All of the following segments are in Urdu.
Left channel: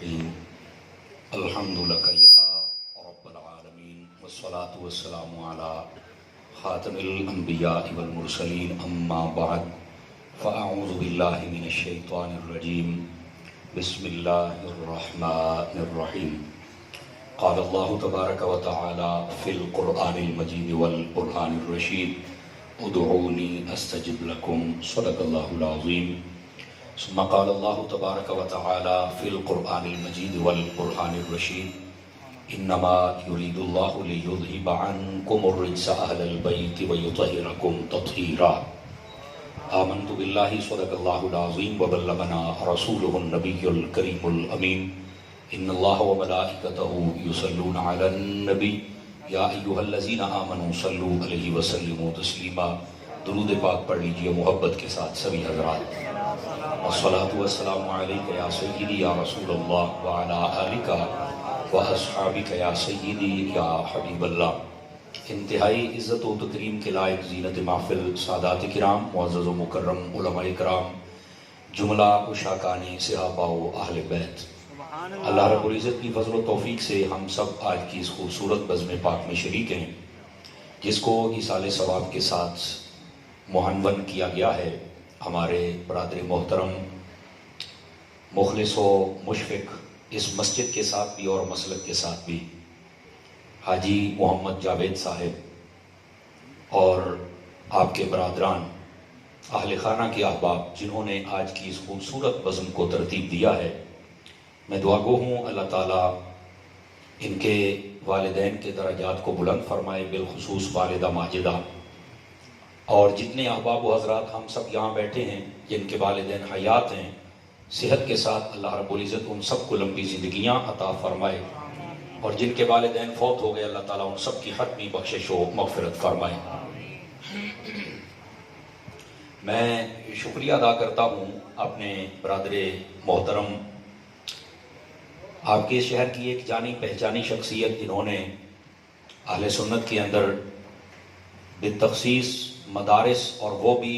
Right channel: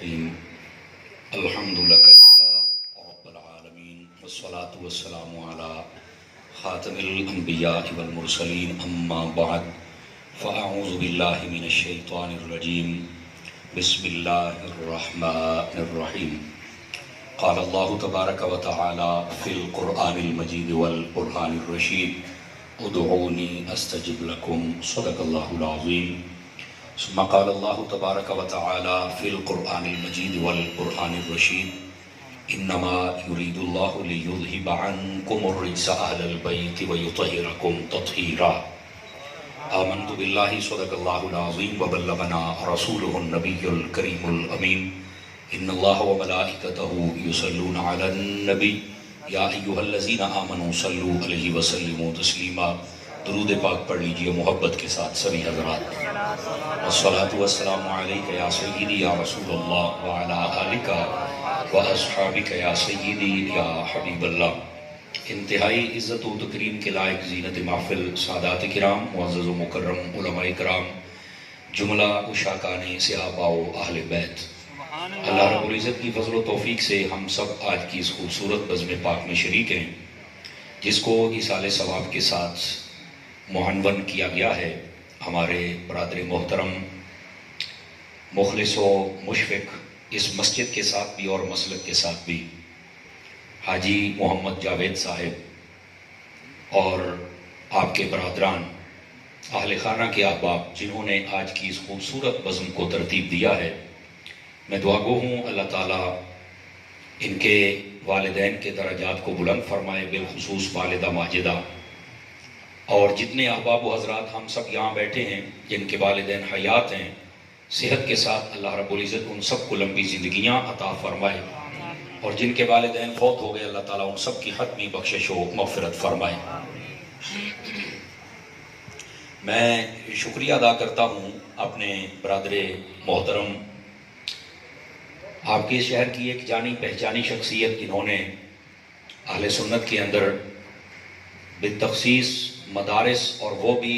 الرحيم الحمد لك يا رب العالمين والصلاة والسلام على خاتم الأنبياء والمرسلين أما بعد فأعوذ بالله من الشيطان الرجيم بسم الله الرحمن الرحيم قال الله تبارك وتعالى في القرآن المجيد والقرآن الرشيد ادعوني أستجب لكم صدق الله العظيم ثم قال الله تبارك وتعالى في القرآن المجيد والقرآن الرشيد إنما يريد الله ليذهب عنكم الرجس أهل البيت ويطهركم تطهيرا آمنت بالله صدق الله العظيم وبلغنا رسوله النبي الكريم الأمين إن الله وملائكته يصلون على النبي يا أيها الذين آمنوا صلوا عليه وسلموا تسلیما. درود پاک پڑھ لیجئے محبت کے ساتھ سبھی حضرات. الصلاة والسلام علیکہ یا سیدی یا رسول اللہ وعلا آلکہ واصحابکہ یا سیدی یا حبیب اللہ. انتہائی عزت و تکریم کے لائق زینت محفل سادات کرام، معزز و مکرم علماء کرام، جملہ اشاکان صحابہ و اہل بیت، اللہ رب العزت کی فضل و توفیق سے ہم سب آج کی اس خوبصورت بزم پاک میں شریک ہیں جس کو ایصال ثواب کے ساتھ معنون کیا گیا ہے. ہمارے برادر محترم مخلص و مشفق اس مسجد کے ساتھ بھی اور مسلک کے ساتھ بھی حاجی محمد جاوید صاحب اور آپ کے برادران اہل خانہ کے احباب جنہوں نے آج کی اس خوبصورت بزم کو ترتیب دیا ہے، میں دعا گو ہوں اللہ تعالیٰ ان کے والدین کے درجات کو بلند فرمائے، بالخصوص والدہ ماجدہ اور جتنے احباب و حضرات ہم سب یہاں بیٹھے ہیں جن کے والدین حیات ہیں، صحت کے ساتھ اللہ رب العزت ان سب کو لمبی زندگیاں عطا فرمائے، اور جن کے والدین فوت ہو گئے اللہ تعالیٰ ان سب کی حتمی بخشش و مغفرت فرمائے. میں شکریہ ادا کرتا ہوں اپنے برادر محترم، آپ کے شہر کی ایک جانی پہچانی شخصیت جنہوں نے اہل سنت کے اندر بالتخصیص مدارس اور وہ بھی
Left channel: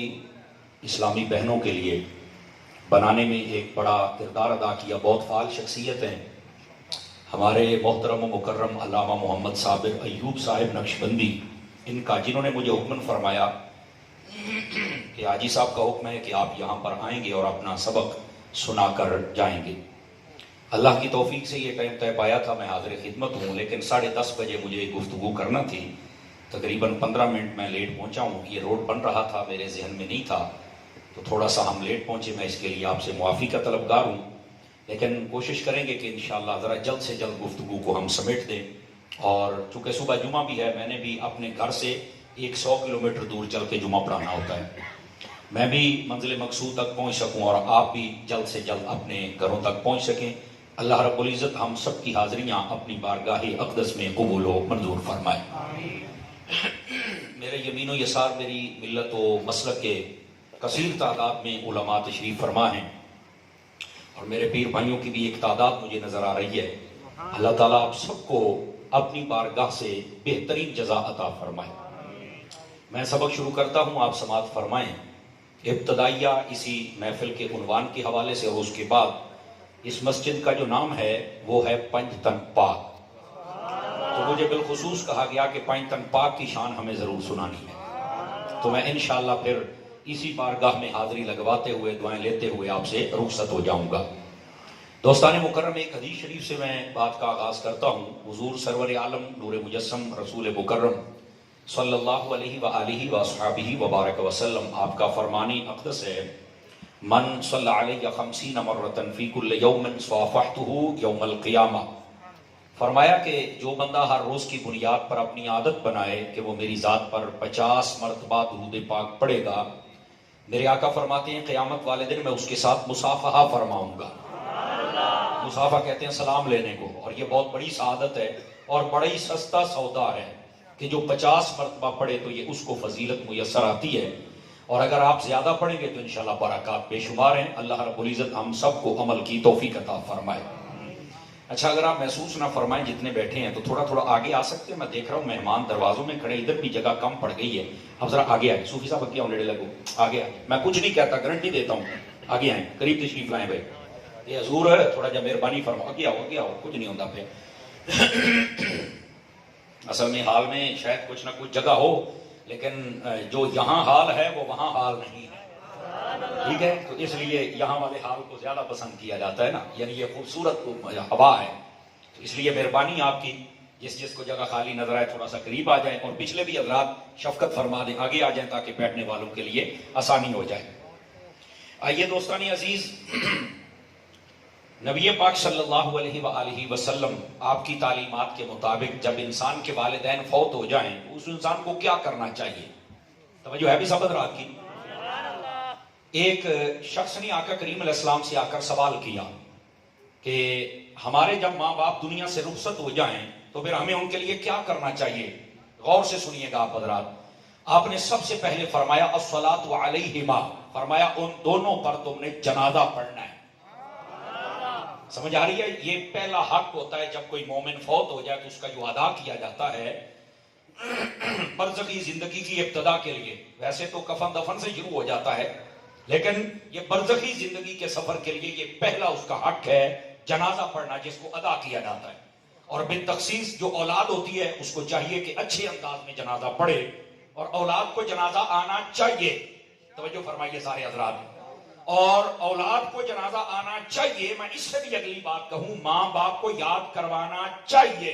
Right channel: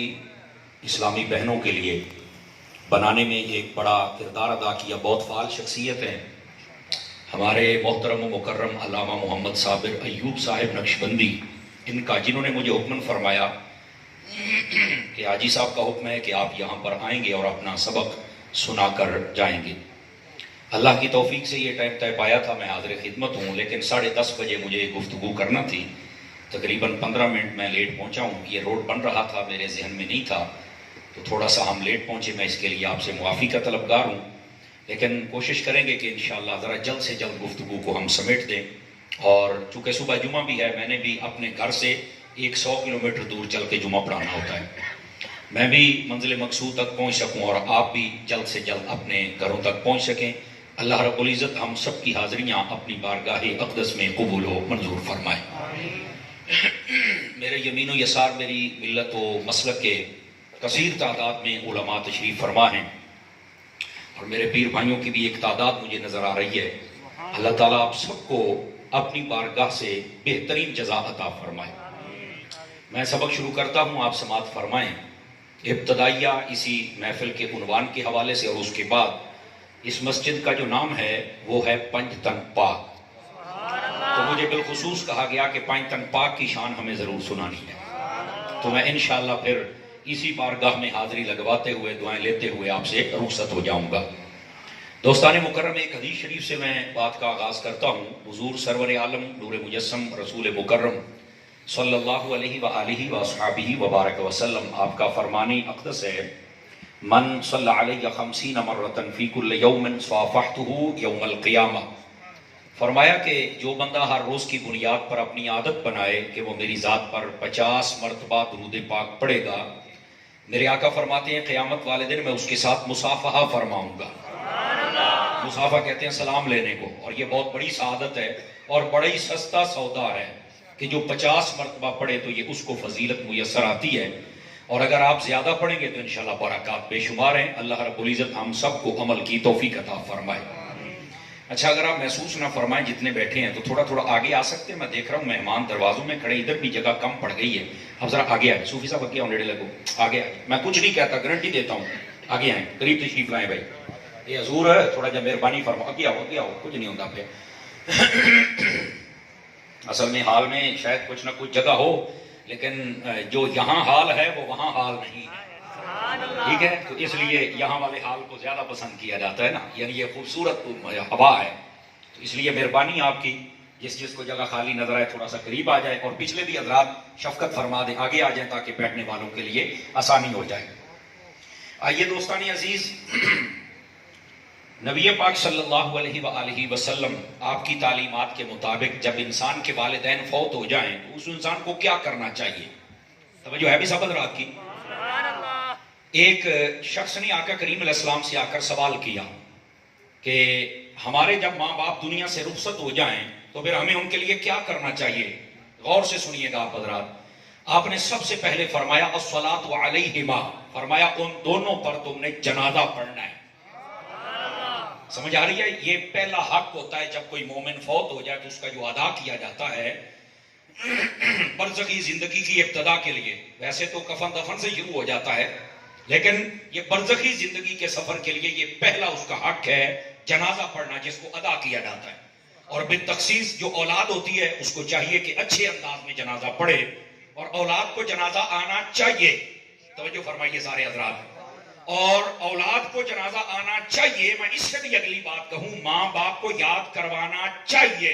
اسلامی بہنوں کے لیے بنانے میں ایک بڑا کردار ادا کیا. بہت فعال شخصیت ہیں ہمارے محترم و مکرم علامہ محمد صابر ایوب صاحب نقشبندی، ان کا جنہوں نے مجھے حکم فرمایا کہ حاجی صاحب کا حکم ہے کہ آپ یہاں پر آئیں گے اور اپنا سبق سنا کر جائیں گے. اللہ کی توفیق سے یہ ٹائم طے پایا تھا، میں حاضر خدمت ہوں، لیکن 10:30 بجے مجھے گفتگو کرنا تھی. تقریباً 15 منٹ میں لیٹ پہنچا ہوں. یہ روڈ بن رہا تھا، میرے ذہن میں نہیں تھا، تو تھوڑا سا ہم لیٹ پہنچے. میں اس کے لیے آپ سے معافی کا طلبگار ہوں، لیکن کوشش کریں گے کہ انشاءاللہ ذرا جلد سے جلد گفتگو کو ہم سمیٹ دیں. اور چونکہ صبح جمعہ بھی ہے، میں نے بھی اپنے گھر سے 100 کلومیٹر دور چل کے جمعہ پڑھانا ہوتا ہے. میں بھی منزل مقصود تک پہنچ سکوں اور آپ بھی جلد سے جلد اپنے گھروں تک پہنچ سکیں. اللہ رب العزت ہم سب کی حاضریاں اپنی بارگاہ اقدس میں قبول و منظور فرمائے. میرے یمین و یسار میری ملت و مسلک کے کثیر تعداد میں علماء تشریف فرما ہیں، اور میرے پیر بھائیوں کی بھی ایک تعداد مجھے نظر آ رہی ہے. اللہ تعالیٰ آپ سب کو اپنی بارگاہ سے بہترین جزا عطا فرمائے. میں سبق شروع کرتا ہوں، آپ سماعت فرمائیں. ابتدائیہ اسی محفل کے عنوان کے حوالے سے، اور اس کے بعد اس مسجد کا جو نام ہے وہ ہے پنج تنگ پاک. تو مجھے بالخصوص کہا گیا کہ پنج تنگ پاک کی شان ہمیں ضرور سنانی ہے. تو میں انشاءاللہ پھر اسی بارگاہ میں حاضری لگواتے ہوئے دعائیں لیتے ہوئے آپ سے رخصت ہو جاؤں گا. دوستان مکرم، ایک حدیث شریف سے میں بات کا آغاز کرتا ہوں. حضور سرور عالم نور مجسم رسول مکرم صلی اللہ علیہ وآلہ وصحبہ وبارک وسلم، آپ کا فرمان اقدس ہے: من صلی علیہ 50 مرتن فی کل یوم صافحتہ یوم القیامہ. فرمایا کہ جو بندہ ہر روز کی بنیاد پر اپنی عادت بنائے کہ وہ میری ذات پر 50 مرتبہ درود پاک پڑھے گا، میرے آقا فرماتے ہیں قیامت والے دن میں اس کے ساتھ مصافحہ فرماؤں گا. مصافحہ کہتے ہیں سلام لینے کو، اور یہ بہت بڑی سعادت ہے اور بڑا ہی سستا سودا ہے کہ جو 50 مرتبہ پڑھے تو یہ اس کو فضیلت میسر آتی ہے. اور اگر آپ زیادہ پڑھیں گے تو انشاءاللہ برکات بے شمار ہیں. اللہ رب العزت ہم سب کو عمل کی توفیق عطا فرمائے. اچھا، اگر آپ محسوس نہ فرمائیں جتنے بیٹھے ہیں تو تھوڑا تھوڑا آگے آ سکتے ہیں. میں دیکھ رہا ہوں مہمان دروازوں میں کھڑے، ادھر بھی جگہ کم پڑ گئی ہے. اب ذرا آگے آئیں. صوفی صاحب کیا نیڑے لگو، آگے آئیں. میں کچھ نہیں کہتا، گارنٹی دیتا ہوں. آگے آئیں، قریب تشریف لائیں بھائی. یہ حضور تھوڑا جا مہربانی فرما کیا ہو کچھ نہیں ہوتا پھر اصل میں حال میں شاید کچھ نہ کچھ جگہ ہو، لیکن جو یہاں حال ہے وہ وہاں حال نہیں ہے، ٹھیک ہے؟ تو اس لیے یہاں والے حال کو زیادہ پسند کیا جاتا ہے نا، یعنی یہ خوبصورت ہوا ہے، تو اس لیے مہربانی آپ کی، جس کو جگہ خالی نظر آئے تھوڑا سا قریب آ جائے، اور پچھلے بھی حضرات شفقت فرما دیں آگے آ جائیں تاکہ بیٹھنے والوں کے لیے آسانی ہو جائے۔ آئیے دوستانی عزیز، نبی پاک صلی اللہ علیہ وآلہ وسلم آپ کی تعلیمات کے مطابق جب انسان کے والدین فوت ہو جائیں تو اس انسان کو کیا کرنا چاہیے؟ توجہ ہے بھی سبق رات کی؟ ایک شخص نے آقا کریم علیہ السلام سے آ کر سوال کیا کہ ہمارے جب ماں باپ دنیا سے رخصت ہو جائیں تو پھر ہمیں ان کے لیے کیا کرنا چاہیے؟ غور سے سنیے گا آپ حضرات۔ آپ نے سب سے پہلے فرمایا الصلاۃ علیہما، فرمایا ان دونوں پر تم نے جنازہ پڑھنا ہے۔ سمجھ آ رہی ہے؟ یہ پہلا حق ہوتا ہے جب کوئی مومن فوت ہو جائے تو اس کا جو ادا کیا جاتا ہے برزخی زندگی کی ابتدا کے لیے، ویسے تو کفن دفن سے شروع ہو جاتا ہے، لیکن یہ برزخی زندگی کے سفر کے لیے یہ پہلا اس کا حق ہے جنازہ پڑھنا، جس کو ادا کیا جاتا ہے۔ اور بالتخصیص جو اولاد ہوتی ہے اس کو چاہیے کہ اچھے انداز میں جنازہ پڑھے، اور اولاد کو جنازہ آنا چاہیے۔ توجہ فرمائیے سارے حضرات، اور اولاد کو جنازہ آنا چاہیے۔ میں اس سے بھی اگلی بات کہوں، ماں باپ کو یاد کروانا چاہیے۔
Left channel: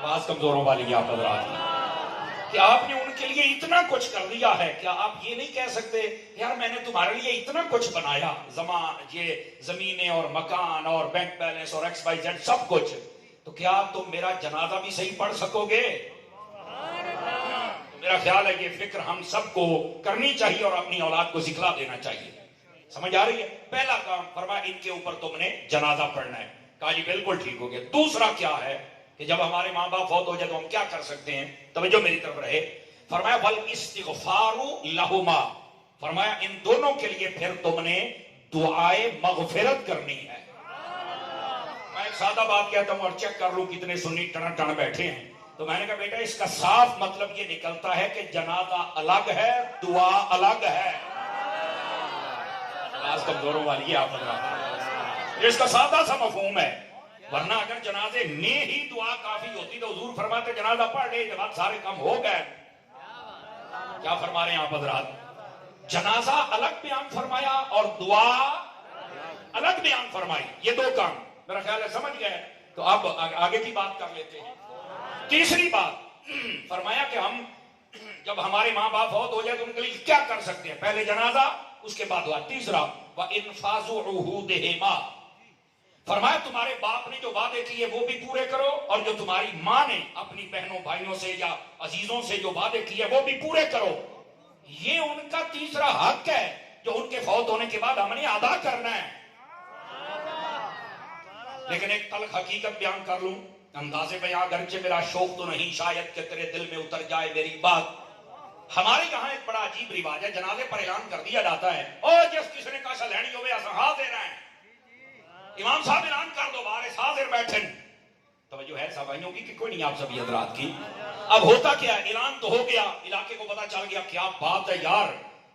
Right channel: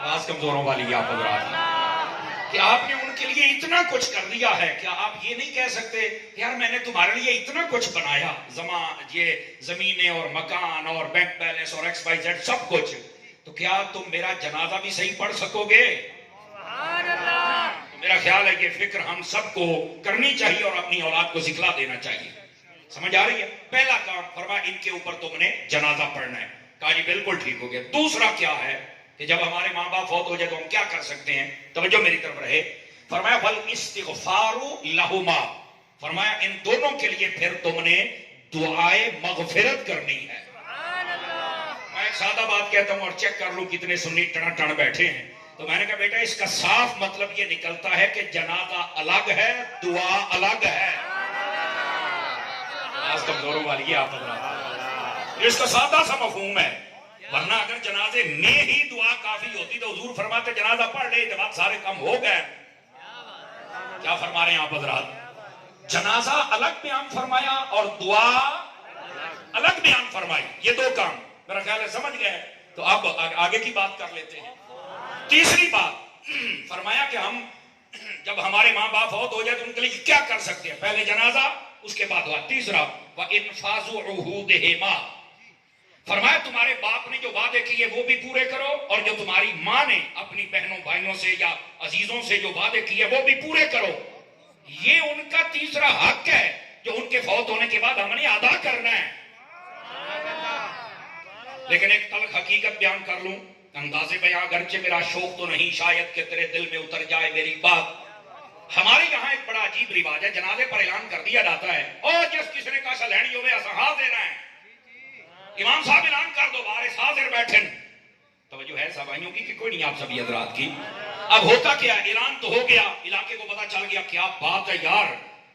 آواز کمزوروں والی آپ حضرات، کہ آپ نے ان کے لیے اتنا کچھ کر دیا ہے، کیا آپ یہ نہیں کہہ سکتے یار میں نے تمہارے لیے اتنا کچھ بنایا، یہ زمینیں اور مکان اور بینک بیلنس اور ایکس وائی زیڈ سب کچھ، تو کیا تم میرا جنازہ بھی صحیح پڑھ سکو گے؟ میرا خیال ہے کہ فکر ہم سب کو کرنی چاہیے اور اپنی اولاد کو سکھلا دینا چاہیے۔ سمجھ آ رہی ہے؟ پہلا کام فرمایا ان کے اوپر تم نے جنازہ پڑھنا ہے۔ کہا جی بالکل ٹھیک ہو گیا۔ دوسرا کیا ہے کہ جب ہمارے ماں باپ فوت ہو جائے تو ہم کیا کر سکتے ہیں؟ توجہ میری طرف رہے۔ فرمایا والاستغفار لہما، فرمایا ان دونوں کے لیے پھر تم نے دعائے مغفرت کرنی ہے۔ میں ایک سادہ بات کہتا ہوں اور چیک کر لوں کتنے سنی ٹڑ ٹڑ بیٹھے ہیں، تو میں نے کہا بیٹا اس کا صاف مطلب یہ نکلتا ہے کہ جنازہ الگ ہے، دعا الگ ہے۔ آج کمزوروں والی آپ حضرات، اس کا سادہ سا مفہوم ہے، ورنہ اگر جنازے میں ہی دعا کافی ہوتی تو حضور فرماتے جنازہ پڑھ لے، جنازہ سارے کم ہو گئے۔ کیا فرما رہے ہیں آپ حضرات؟ جنازہ الگ بیان فرمایا اور دعا الگ بیان فرمائی، یہ دو کام میرا خیال ہے سمجھ گئے۔ تو اب آگے کی بات کر لیتے ہیں۔ تیسری بات فرمایا کہ ہم جب ہمارے ماں باپ فوت ہو جائے تو ان کے لیے کیا کر سکتے ہیں؟ پہلے جنازہ، اس کے بعد ہوا تیسرا وَإِنْفَاذُ عُهُودِهِمَا، فرمایا تمہارے باپ نے جو وعدے کیے وہ بھی پورے کرو، اور جو تمہاری ماں نے اپنی بہنوں بھائیوں سے یا عزیزوں سے جو وعدے کیے وہ بھی پورے کرو۔ یہ ان کا تیسرا حق ہے جو ان کے فوت ہونے کے بعد ہم نے ادا کرنا ہے۔ لیکن ایک تلخ حقیقت بیان کر لوں، انداز بیان اگرچہ میرا شوق تو نہیں، شاید کہ تیرے دل میں اتر جائے میری بات۔ ہمارے یہاں ایک بڑا عجیب رواج ہے، جنازے پر اعلان کر دیا جاتا ہے اور جس کس نے کہا لینی ہوئے اسہا دینا ہے، امام صاحب اعلان کر دو بارے حاضر بیٹھن۔ توجہ ہے سوائیوں کی کہ کوئی نہیں آپ سبھی حضرات کی؟ اب ہوتا کیا، اعلان تو ہو گیا، علاقے کو پتا چل گیا، کیا بات ہے یار،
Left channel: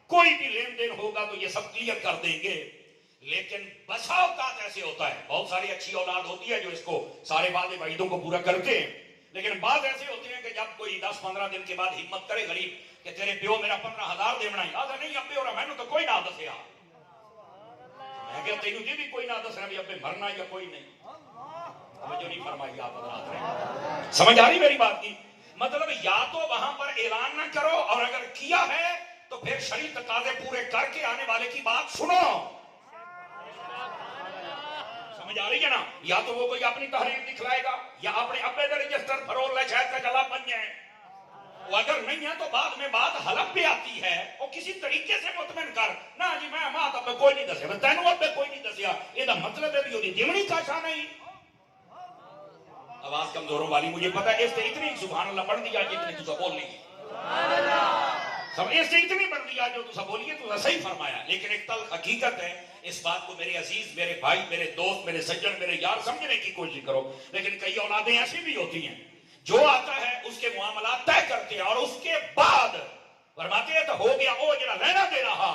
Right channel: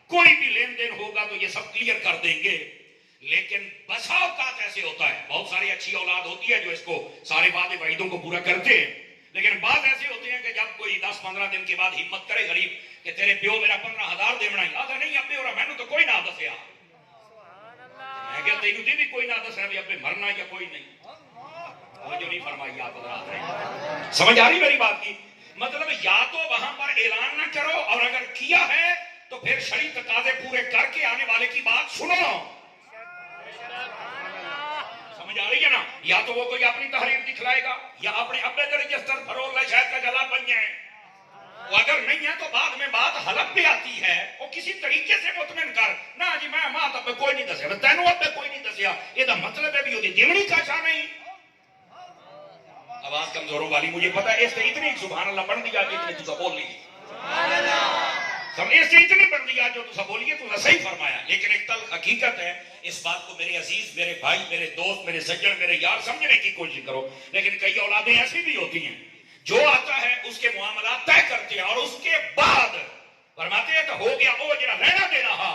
کوئی بھی لین دین ہوگا تو یہ سب کلیئر کر دیں گے۔ لیکن بسا اوقات ایسے ہوتا ہے، بہت ساری اچھی اولاد ہوتی ہے جو اس کو سارے وعدے وعیدوں کو پورا کرتے ہیں، لیکن بعض ایسے ہوتے ہیں کہ جب کوئی 10-15 دن کے بعد ہمت کرے غریب کہ تیرے پیو میرا 15,000 دینا ہی آدھا نہیں ابے اور میں تو کوئی نہ دسیا، میں کہا تینوں دی بھی کوئی نہ دسنا بھی ابے مرنا یا کوئی نہیں۔ جو نہیں فرمائی آپ حضرات، سمجھ آ رہی میری بات کی؟ مطلب یا تو وہاں پر اعلان نہ کرو، اور اگر کیا ہے تو پھر شرعی تقاضے پورے کر کے آنے والے کی بات سنو۔ سمجھ آ رہی ہے نا؟ یا تو وہ کوئی اپنی تحریر دکھلائے گا یا اپنے ابے کا رجسٹر فروغ لے شاید کا گلا بن جائے، وہ اگر نہیں ہے تو بعد میں بات حلف پہ آتی ہے، وہ کسی طریقے سے مطمئن کر نہ جی میں ماں تب کوئی نہیں دسیا، تینوں اب کوئی نہیں دسیا، یہ مطلب ہے بھی ہوتی دیمڑی کا شاہ نہیں۔ آواز کمزوروں والی مجھے پتا ہے، اس سے اتنی سبحان اللہ پڑھ دیا جتنی تو بول لی، اس سے اتنی پڑھ دیا جو تو بولیے تو صحیح فرمایا، لیکن ایک تلخ حقیقت ہے، اس بات کو میرے عزیز، میرے بھائی، میرے دوست، میرے سجن، میرے یار سمجھنے کی کوشش کرو۔ لیکن کئی اولادیں ایسی بھی ہوتی ہیں جو آتا ہے اس کے معاملات طے کرتے ہیں اور اس کے بعد فرماتے ہیں تو ہو گیا وہ جڑا لینا دے رہا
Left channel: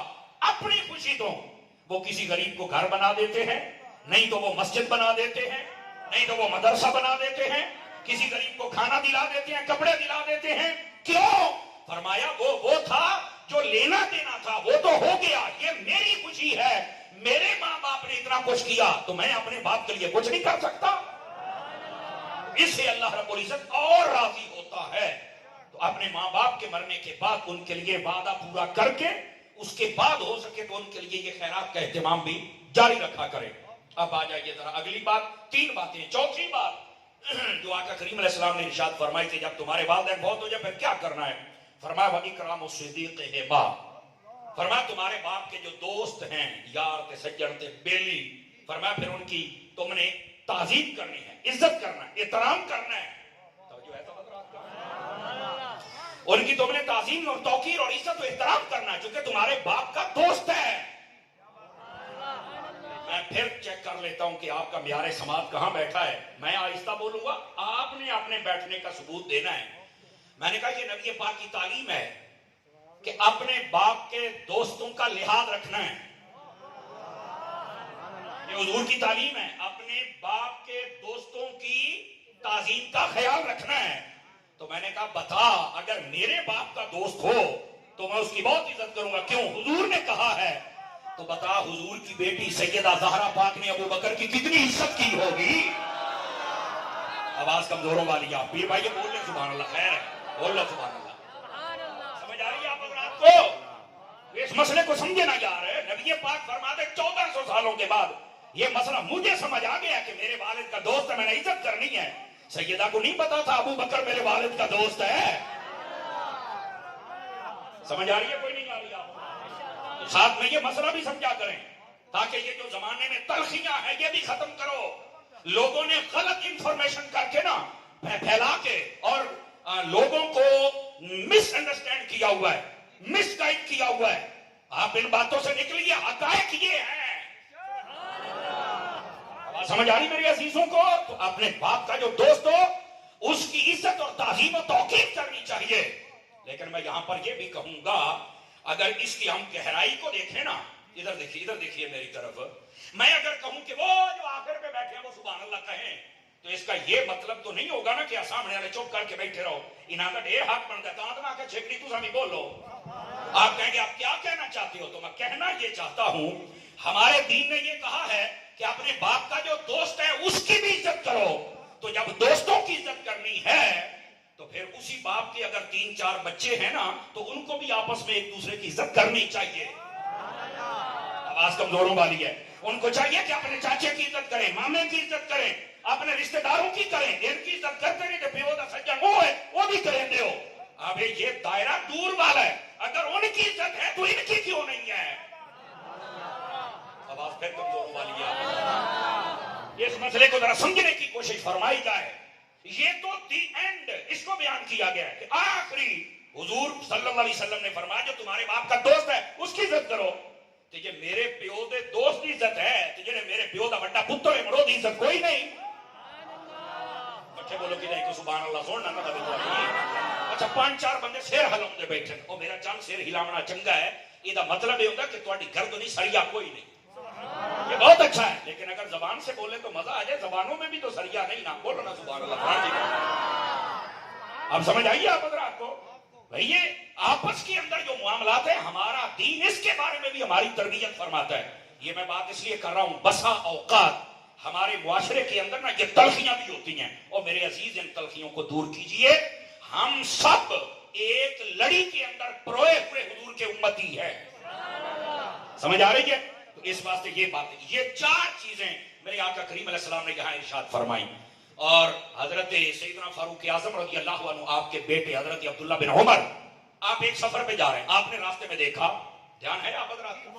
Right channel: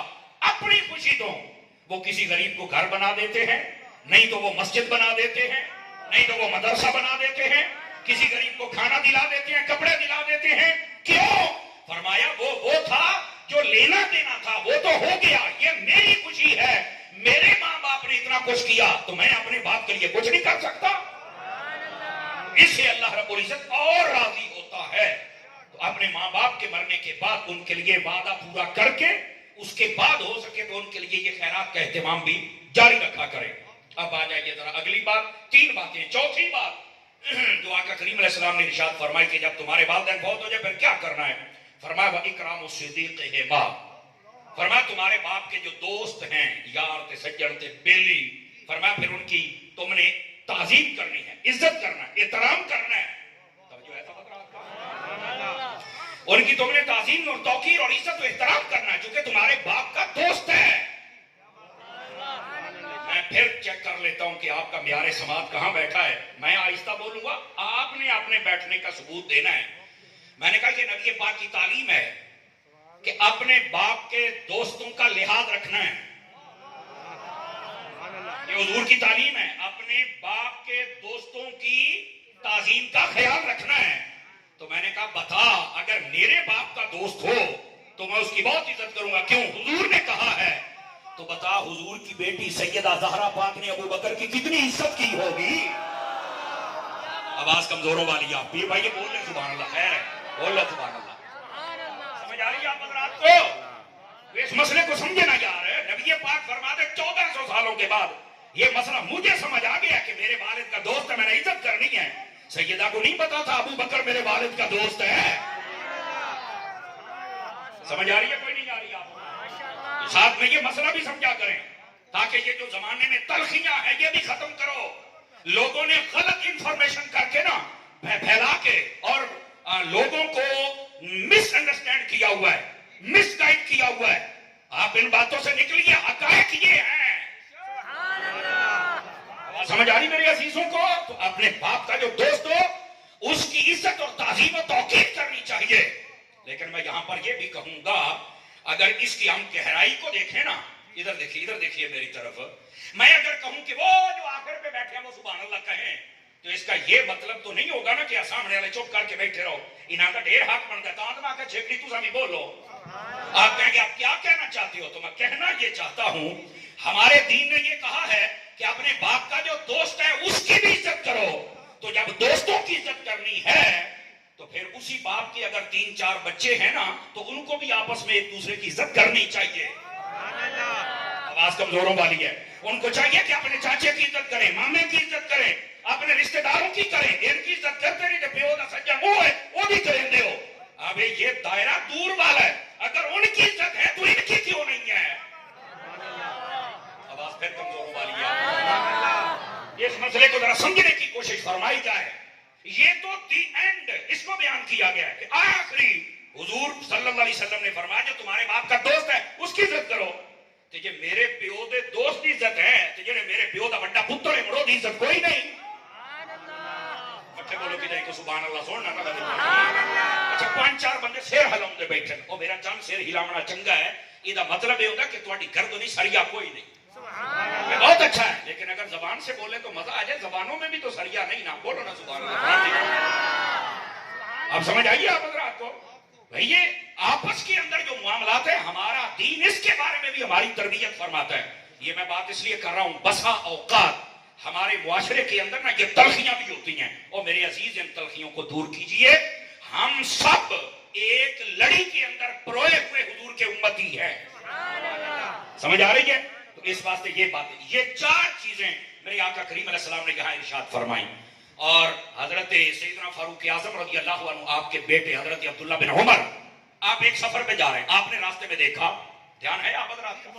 اپنی خوشی تو وہ کسی غریب کو گھر بنا دیتے ہیں, نہیں تو وہ مسجد بنا دیتے ہیں, نہیں تو وہ مدرسہ بنا دیتے ہیں, کسی غریب کو کھانا دلا دیتے ہیں, کپڑے دلا دیتے ہیں. کیوں؟ فرمایا وہ تھا جو لینا دینا تھا, وہ تو ہو گیا, یہ میری خوشی ہے. میرے ماں باپ نے اتنا کچھ کیا تو میں اپنے باپ کے لیے کچھ نہیں کر سکتا. اس سے اللہ رب العزت اور راضی ہوتا ہے. تو اپنے ماں باپ کے مرنے کے بعد ان کے لیے وعدہ پورا کر کے اس کے بعد ہو سکے تو ان کے لیے یہ خیرات کا اہتمام بھی جاری رکھا کرے. اب آ جائیے ذرا اگلی بات, 3 باتیں. چوتھی بات جو آقا کریم علیہ السلام نے ارشاد فرمائی کہ جب تمہارے والدین بہت ہو جائے پھر کیا کرنا ہے. فرمایا وَإِكْرَامُ الصِّدِيقِ فرمایا تمہارے باپ کے جو دوست ہیں, یار تھے, سجن تھے, بیلی, فرمایا پھر ان کی تم نے تعظیم کرنی ہے, عزت کرنا ہے, احترام کرنا ہے. ان کی تم نے تعظیم اور توقیر اور عزت و احترام کرنا ہے چونکہ تمہارے باپ کا دوست ہے. میں پھر چیک کر لیتا ہوں کہ آپ کا معیار سماعت کہاں بیٹھا ہے. میں آہستہ بولوں گا, آپ نے اپنے بیٹھنے کا ثبوت دینا ہے. میں نے کہا کہ نبی پاک کی تعلیم ہے کہ اپنے باپ کے دوستوں کا لحاظ رکھنا ہے. یہ حضور کی تعلیم ہے, اپنے باپ کے دوستوں کی تعظیم کا خیال رکھنا ہے. تو میں نے کہا بتا, اگر میرے باپ کا دوست ہو تو میں اس کی بہت عزت کروں گا. کیوں؟ حضور نے کہا ہے. تو بتا, حضور کی بیٹی سیدہ زہرا پاک نے ابو بکر کی کتنی عزت کی ہوگی. آواز کمزوروں والی آپ بھی بھائی بول لیں سبحان اللہ. خیر ہے, بول لیں سبحان اللہ. سمجھ آ رہی ہے آپ حضرات کو؟ اس مسئلے کو سمجھے نہ جا رہے. نبی پاک فرماتے 1400 سالوں کے بعد یہ مسئلہ مجھے سمجھ آ گیا کہ میرے والد کا دوست ہے, میں نے عزت کرنی ہے. سیدہ کو نہیں پتا تھا ابو بکر میرے والد کا دوست ہے. سمجھ آ رہی ہے کوئی نہیں آ رہی آپ؟ ساتھ میں یہ مسئلہ بھی سمجھا کریں تاکہ یہ جو زمانے میں تلخیاں ہیں یہ بھی ختم کرو. لوگوں نے غلط انفارمیشن کر کے نا پھیلا کے اور لوگوں کو مس انڈرسٹینڈ کیا ہوا ہے, مس گائیڈ کیا ہوا ہے. آپ ان باتوں سے نکلیے, حقائق یہ ہیں. سمجھ آ رہی میرے عزیزوں کو؟ تو اپنے باپ کا جو دوست ہو اس کی عزت اور تعظیم و توقیر کرنی چاہیے. لیکن میں یہاں پر یہ بھی کہوں گا, اگر اس کی ہم گہرائی کو دیکھیں نا, ادھر دیکھیے میری طرف, میں اگر کہوں کہ وہ جو آخر پہ بیٹھے ہیں وہ سبحان اللہ کہیں تو اس کا یہ مطلب تو نہیں ہوگا نا کہ سامنے والے چپ کر کے بیٹھے رہو. انہاں کا ڈھیر حق بنتا ہے. کہاں کا چھپڑی تو سبھی بولو. آپ کہیں گے آپ کیا کہنا چاہتے ہو؟ تو میں کہنا یہ چاہتا ہوں, ہمارے دین نے یہ کہا ہے کہ اپنے باپ کا جو دوست ہے اس کی بھی عزت کرو. تو جب دوستوں کی عزت کرنی ہے تو پھر اسی باپ کے اگر 3-4 بچے ہیں نا تو ان کو بھی آپس میں ایک دوسرے کی عزت کرنی چاہیے. آواز کمزوروں والی ہے. ان کو چاہیے کہ اپنے چاچے کی عزت کریں, مامے کی عزت کریں, اپنے رشتہ داروں کی کریں. ان کی عزت کرتے نہیں کہ پیو دا سجا وہ ہے وہ بھی کریں دے ہو. اب یہ دائرہ دور والا ہے. اگر ان کی عزت ہے تو ان کی کیوں نہیں ہے؟ آواز پھر کمزوروں والی ہے. اس مسئلے کو ذرا سمجھنے کی کوشش فرمائی جائے. یہ تو دی اینڈ اس کو بیان کیا گیا ہے کہ آخری حضور صلی اللہ علیہ وسلم نے فرمایا جو تمہارے باپ کا دوست ہے اس کی عزت کرو. کہ جے میرے پیو دے دوست دی عزت ہے تو جے میرے پیو دا بڑا پتر ہے مرو دی عزت کوئی نہیں. اچھا بولو کہ نہیں تو سبحان اللہ سننا نہ بتا. اچھا 5-4 بندے سیر ہلاؤں دے بیٹھے او میرا چند سیر ہلاونا چنگا ہے. یہ دا مطلب یہ ہوگا کہ تہاڈی گردنی سریا کوئی نہیں. یہ بہت اچھا ہے, لیکن اگر زبان سے بولے تو مزہ آ جائے. زبانوں میں بھی تو سریا نہیں نا, بولو نا سبحان اللہ. اب سمجھ آئیے آپ حضرات کو؟ بھئی یہ آپس کے اندر جو معاملات ہیں ہمارا دین اس کے بارے میں بھی ہماری تربیت فرماتا ہے. یہ میں بات اس لیے کر رہا ہوں, بسا اوقات ہمارے معاشرے کے اندر نا یہ تلخیاں بھی ہوتی ہیں. اور میرے عزیز ان تلخیوں کو دور کیجئے. ہم سب ایک لڑی کے اندر پروئے ہوئے حضور کے امتی ہیں. سمجھ آ رہی ہے؟ تو اس واسطے یہ بات, یہ 4 چیزیں میرے آقا کریم علیہ السلام نے یہاں ارشاد فرمائی. اور حضرت سیدنا فاروق اعظم رضی اللہ عنہ آپ کے بیٹے حضرت عبداللہ بن عمر, آپ ایک سفر پہ جا رہے ہیں. آپ نے راستے میں دیکھا, دھیان ہے آپ حضرات کا,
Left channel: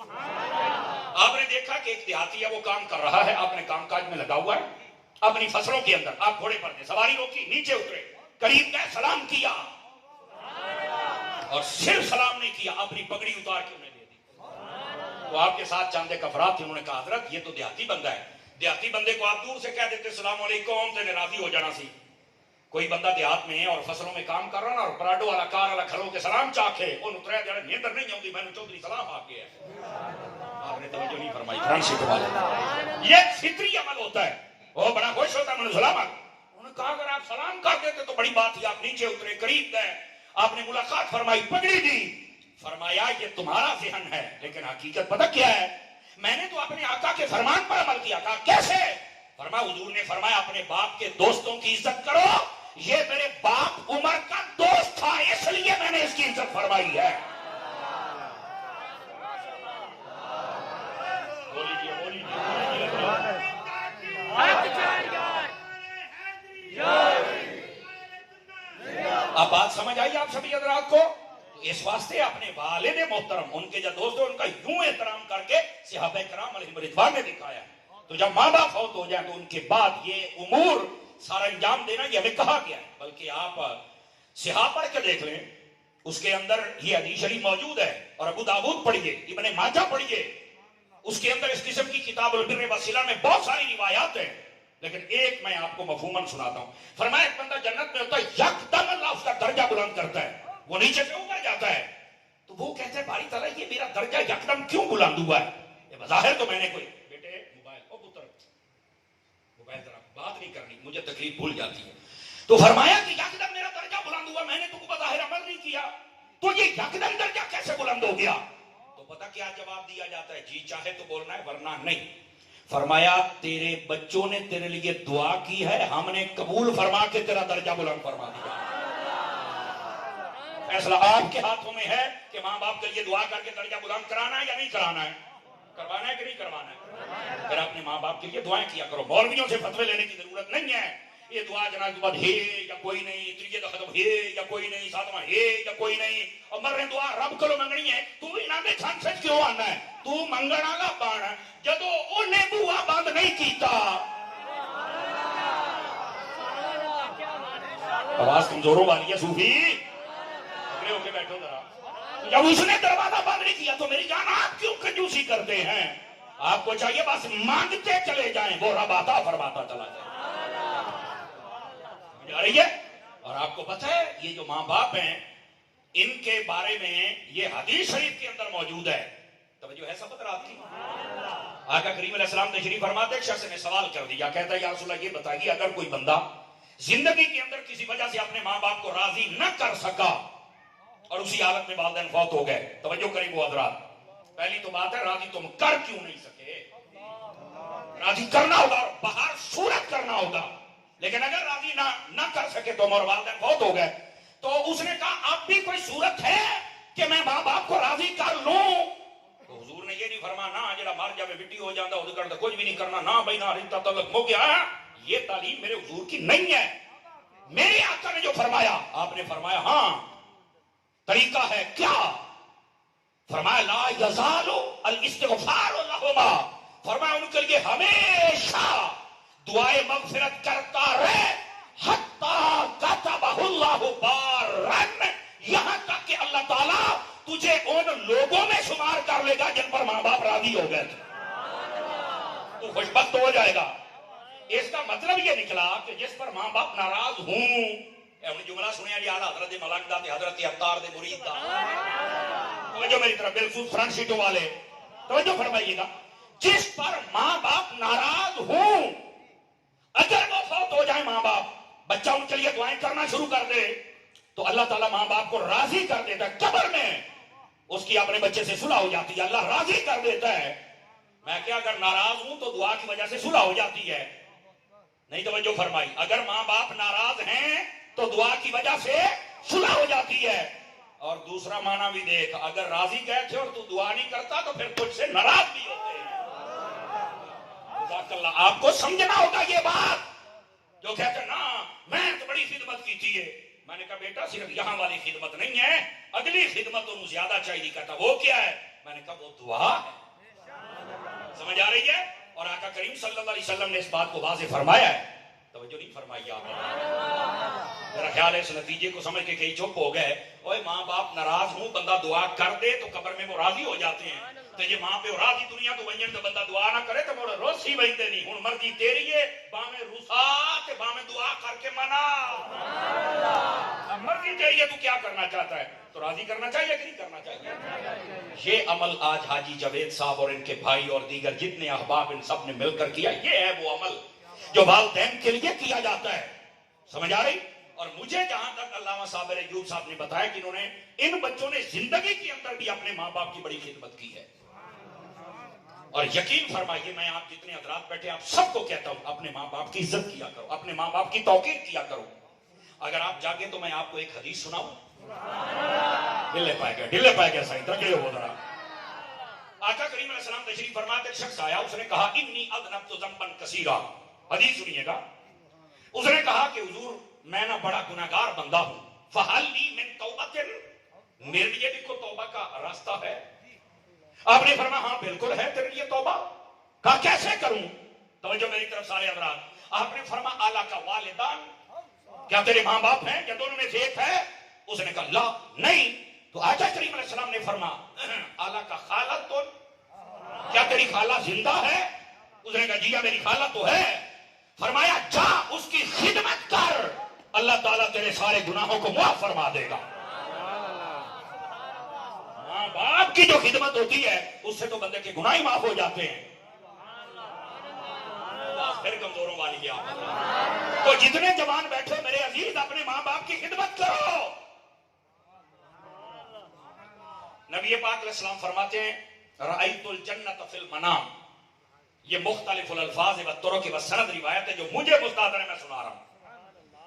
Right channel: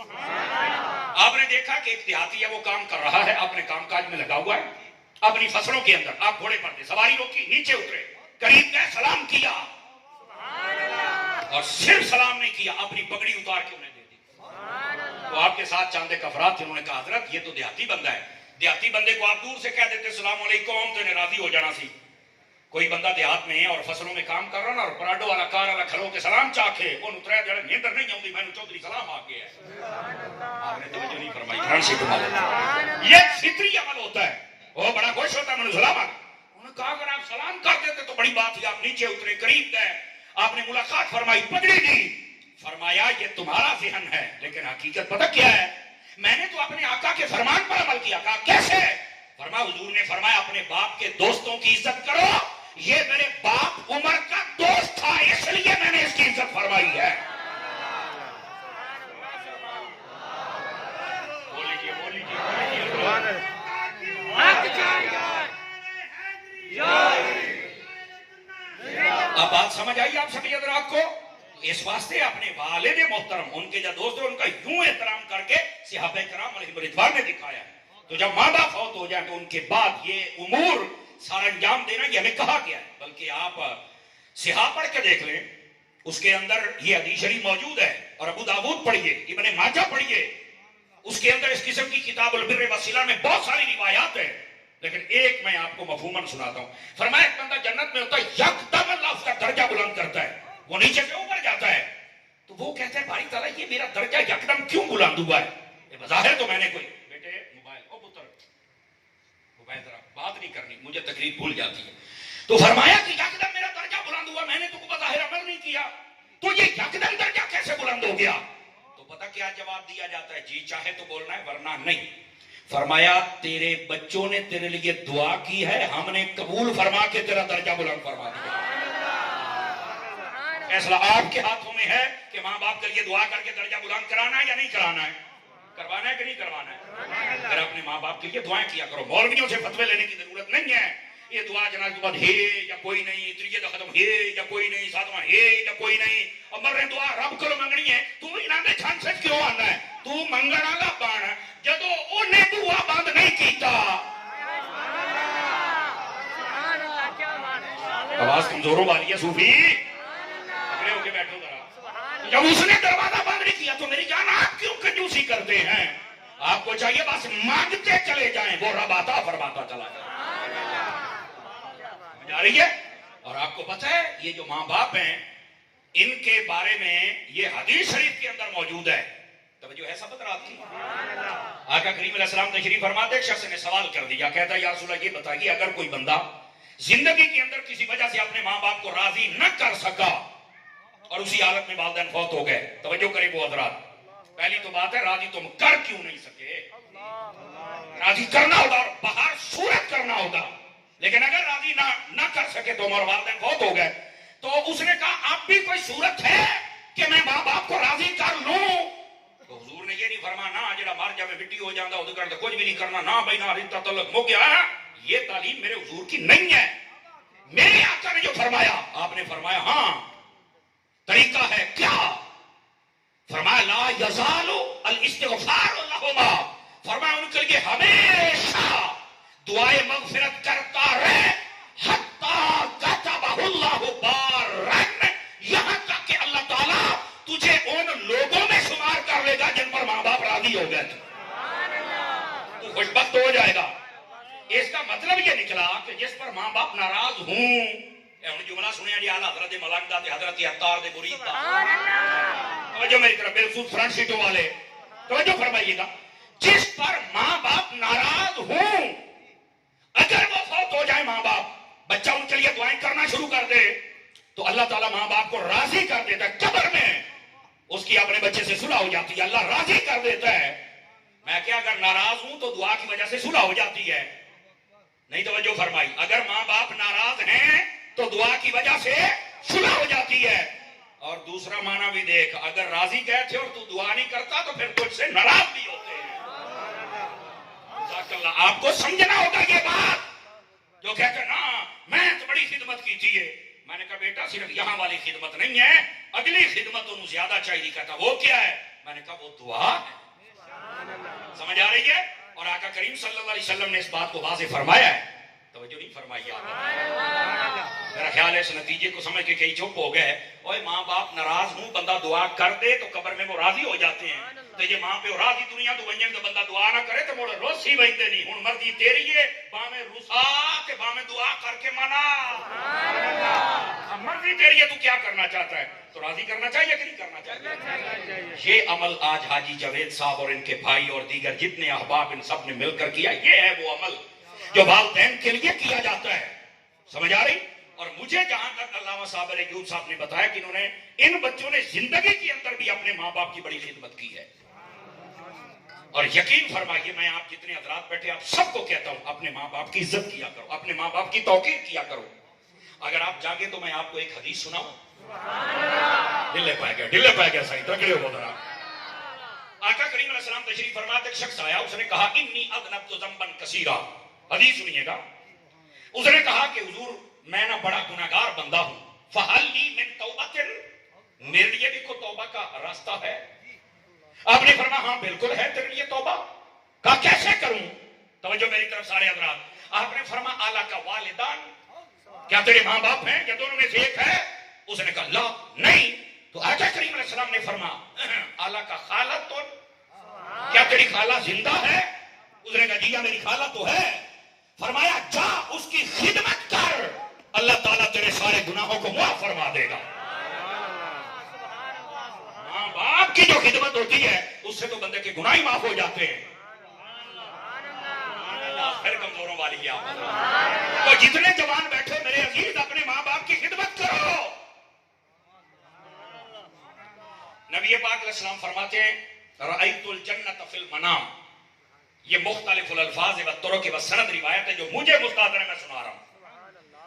آپ نے دیکھا کہ ایک دیہاتی ہے وہ کام کر رہا ہے, اپنے کام کاج میں لگا ہوا ہے اپنی فصلوں کے اندر. آپ گھوڑے پر تھے, سواری روکی, نیچے اترے, قریب گئے, سلام کیا اور صرف سلام نہیں کیا, اپنی پگڑی اتار کے انہیں دے دی. تو آپ کے ساتھ چاند ایک افراد تھے, انہوں نے کہا حضرت یہ تو دیہاتی بندہ ہے. دیہاتی بندے کو آپ دور سے کہہ دیتے السلام علیکم تو انہیں راضی ہو جانا سی. کوئی بندہ دیہات میں ہے اور فصلوں میں کام کر رہا نا اور پراڈو والا کار والا کھلو کے سلام چاکھے ان اتریا جڑا نیندر نہیں آؤں دی میں نے چودھری سلام آ گیا ہے. آپ نے توجہ نہیں فرمائی. فرانسیٹو والا یہ فطری عمل ہوتا ہے. وہ بڑا خوش ہوتا ہے. میں نے سلام آ انہوں نے کہا اگر آپ سلام کر دیتے تو بڑی بات تھی. آپ نیچے اترے, قریب گئے, آپ نے ملاقات فرمائی, پگڑی دی. فرمایا یہ تمہارا ذہن ہے لیکن حقیقت پتہ کیا ہے, میں نے تو اپنے آقا کے فرمان پر عمل کیا. کہا کیسے؟ فرمایا حضور نے فرمایا اپنے باپ کے دوستوں کی عزت کرو. یہ میرے باپ عمر کا دوست تھا اس لیے میں نے اس کی عزت فرمائی ہے. اب بات سمجھ آئی آپ سبھی حضرات کو؟ اس واسطے اپنے والد محترم ان کے جو دوست ہیں ان کا یوں احترام کر کے صحابہ کرام علیہ رضوان نے دکھایا. تو جب ماں باپ فوت ہو جائیں تو ان کے بعد یہ امور سارا انجام دینا یہ ہمیں کہا گیا ہے. بلکہ آپ صحاح پڑھ کے دیکھ لیں, اس کے اندر یہ حدیث شریف موجود ہے. اور ابو داؤد پڑھیے, ابن ماجہ پڑھیے, اس کے اندر اس قسم کی کتاب البر والصلہ میں بہت ساری روایات ہیں. لیکن ایک میں آپ کو مفہوماً سناتا ہوں. فرمایا ایک بندہ جنت میں ہوتا ہے, یکدم اللہ اس کا درجہ بلند کرتا ہے, وہ نیچے سے اوپر جاتا ہے. تو وہ کہتے ہیں باری تعالیٰ یہ میرا درجہ یکدم کیوں بلند ہوا ہے؟ یہ بظاہر تو میں نے کوئی بیٹے موبائل او پتر موبائل ذرا بات نہیں کرنی, مجھے تکلیف بھول جاتی ہے. تو فرمایا کہ یکدم میرا درجہ بلند ہوا, میں نے تو بظاہر عمل نہیں کیا, تو یہ یکدم درجہ کیسے بلند ہو گیا؟ تو پتہ کیا جواب دیا جاتا ہے, جی چاہے تو بولنا ہے ورنہ نہیں. فرمایا تیرے بچوں نے تیرے لیے دعا کی ہے, ہم نے قبول فرما کے تیرا درجہ بلند فرما دیا. فیصلہ آپ کے ہاتھوں میں ہے کہ ماں باپ کے لیے دعا کر کے درجہ بلند کرانا ہے یا نہیں کرانا ہے, کروانا ہے کہ نہیں کروانا ہے. پھر اپنے ماں باپ کے لیے دعائیں کیا کرو. مولویوں سے فتوے لینے کی ضرورت نہیں ہے. یہ دعا جناب کے بعد ہے یا کوئی نہیں, تریت ختم ہے یا کوئی نہیں, ساتواں ہے یا کوئی نہیں, اور مرنے دعا رب کو منگنی ہے. تو انہاں دے چھن سچ کیوں آنا ہے؟ تو منگنا کا بان ہے جدو انہیں دعا بند نہیں کیتا. آواز کمزوروں والی ہے صوفی, اگلے ہو کے بیٹھو ذرا. جب اس نے دروازہ بند نہیں کیا تو میری جان آپ کیوں کنجوسی کرتے ہیں؟ آپ کو چاہیے بس مانگتے چلے جائیں, وہ رب عطا فرماتا چلا جائے. سمجھ آ رہی ہے؟ اور آپ کو پتہ ہے یہ جو ماں باپ ہیں ان کے بارے میں یہ حدیث شریف کے اندر موجود ہے. توجہ ہے سب رات کی. آقا کریم علیہ السلام تشریف فرماتے, ایک شخص نے سوال کر دیا, کہتا ہے یا رسول اللہ یہ بتائیے اگر کوئی بندہ زندگی کے اندر کسی وجہ سے اپنے ماں باپ کو راضی نہ کر سکا اور اسی حالت میں والدین فوت ہو گئے, توجہ کریں وہ حضرات, پہلی تو بات ہے راضی تم کر کیوں نہیں سکے؟ راضی کرنا ہوگا اور باہر صورت کرنا ہوگا. لیکن اگر راضی نہ کر سکے تو اور والدین فوت ہو گئے تو اس نے کہا اب بھی کوئی صورت ہے کہ میں ماں باپ کو راضی کر لوں؟ تو حضور نے یہ نہیں فرمایا نہ جڑا مر جائے مٹی ہو جاتا وہ تو کچھ بھی نہیں کرنا, نہ بھائی نہ رشتہ تعلق ہو گیا. یہ تعلیم میرے حضور کی نہیں ہے. میرے آقا نے جو فرمایا, آپ نے فرمایا ہاں طریقہ ہے. کیا فرمایا؟ لا یزال الاستغفار لہما, فرمایا ان کے لیے ہمیشہ دعائے مغفرت کرتا رہے حتی کتبہ اللہ بارن, یہاں تک کہ اللہ تعالیٰ تجھے ان لوگوں میں شمار کر لے گا جن پر ماں باپ راضی ہو گئے تھے. تو خوش بخت ہو جائے گا. اس کا مطلب یہ نکلا کہ جس پر ماں باپ ناراض ہوں, جملہ سنیا جی اعلیٰ حضرت ملک دا تے حضرت عطار دے مرید دا. توجہ میری طرف بالخصوص فرنٹ سیٹوں والے توجہ فرمائیے گا. جس پر ماں باپ ناراض ہوں, اگر وہ فوت ہو جائے ماں باپ, بچہ ان کے لیے دعائیں کرنا شروع کر دے تو اللہ تعالیٰ ماں باپ کو راضی کر دیتا ہے. قبر میں اس کی اپنے بچے سے صلح ہو جاتی ہے, اللہ راضی کر دیتا ہے. میں کیا اگر ناراض ہوں تو دعا کی وجہ سے صلح ہو جاتی ہے. نہیں توجہ فرمائی. اگر ماں باپ ناراض ہیں تو دعا کی وجہ سے صلح ہو جاتی ہے. اور دوسرا معنی بھی دیکھ, اگر راضی گئے تھے اور تو دعا نہیں کرتا تو پھر تجھ سے ناراض بھی ہوتے ہیں. آپ کو سمجھنا ہوگا یہ بات. جو کہتے ہیں نا میں تو بڑی خدمت کی تھی, میں نے کہا بیٹا صرف یہاں والی خدمت نہیں ہے, اگلی خدمت انہوں زیادہ چاہیے. کہتا وہ کیا ہے؟ میں نے کہا وہ دعا ہے. سمجھ آ رہی ہے؟ اور آقا کریم صلی اللہ علیہ وسلم نے اس بات کو واضح فرمایا ہے. توجہ نہیں فرمائی آپ نے؟ میرا خیال ہے اس نتیجے کو سمجھ کے کئی چپ ہو گئے. اوے ماں باپ ناراض ہوں, بندہ دعا کر دے تو قبر میں وہ راضی ہو جاتے ہیں. تو یہ ماں پہ راضی دنیا تو بنجن تو بندہ دعا نہ کرے تو موڑا روز ہی بنتے نہیں. ہوں مرضی تیری ہے, باہیں رسا تے باہیں دعا کر کے منا. مرضی تیری ہے، تو کیا کرنا چاہتا ہے؟ تو راضی کرنا چاہیے کہ نہیں کرنا چاہیے؟ یہ عمل آج حاجی جاوید صاحب اور ان کے بھائی اور دیگر جتنے احباب ان سب نے مل کر کیا، یہ ہے وہ عمل جو والدین کے لیے کیا جاتا ہے. سمجھ آ رہی؟ اور مجھے جہاں تک علامہ صابر ایوب صاحب نے بتایا کہ انہوں نے، ان بچوں نے زندگی کے اندر بھی اپنے ماں باپ کی بڑی خدمت کی ہے. اور یقین فرمائیے، میں آپ جتنے حضرات بیٹھے آپ سب کو کہتا ہوں، اپنے ماں باپ کی عزت کیا کرو، اپنے ماں باپ کی توقیر کیا کرو. اگر آپ جاگے تو میں آپ کو ایک حدیث سناؤں. ڈلے پائے گیا صحیح تکڑے ہو ذرا. آقا کریم علیہ السلام تشریف فرماتے، ایک شخص آیا، اس نے کہا انی اذنبت ذنبا کثیرا. حدیث سنیے گا. اس نے کہا کہ حضور میں نہ بڑا گناہگار بندہ ہوں، فہل لی من توبۃ، میرے لیے بھی کوئی توبہ کا راستہ ہے؟ آپ نے فرمایا ہاں بالکل ہے تیرے لیے توبہ. کہا کیسے کروں؟ توجہ میری طرف سارے حضرات. آپ نے فرمایا الا کا والدان، کیا تیرے ماں باپ ہیں یا دونوں میں سے ایک ہے؟ اس نے کہا لا نہیں. تو آقا کریم علیہ السلام نے فرمایا الا کا خالۃ، کیا تیری خالہ زندہ ہے؟ اس نے کہا جی میری خالہ تو ہے. فرمایا جا اس کی خدمت کر، اللہ تعالیٰ تیرے سارے گناہوں کو معاف فرما دے گا. ماں باپ کی جو خدمت ہوتی ہے اس سے تو بندے کے گناہ ہی معاف ہو جاتے ہیں. پھر کمزوروں والی آپ تو جتنے جوان بیٹھے میرے عزیز، اپنے ماں باپ کی خدمت کرو. نبی پاک علیہ السلام فرماتے ہیں رأیت الجنت فی المنام. یہ مختلف الالفاظ و طرق و سند روایت ہے جو مجھے مستحضر ہے، میں سنا رہا ہوں.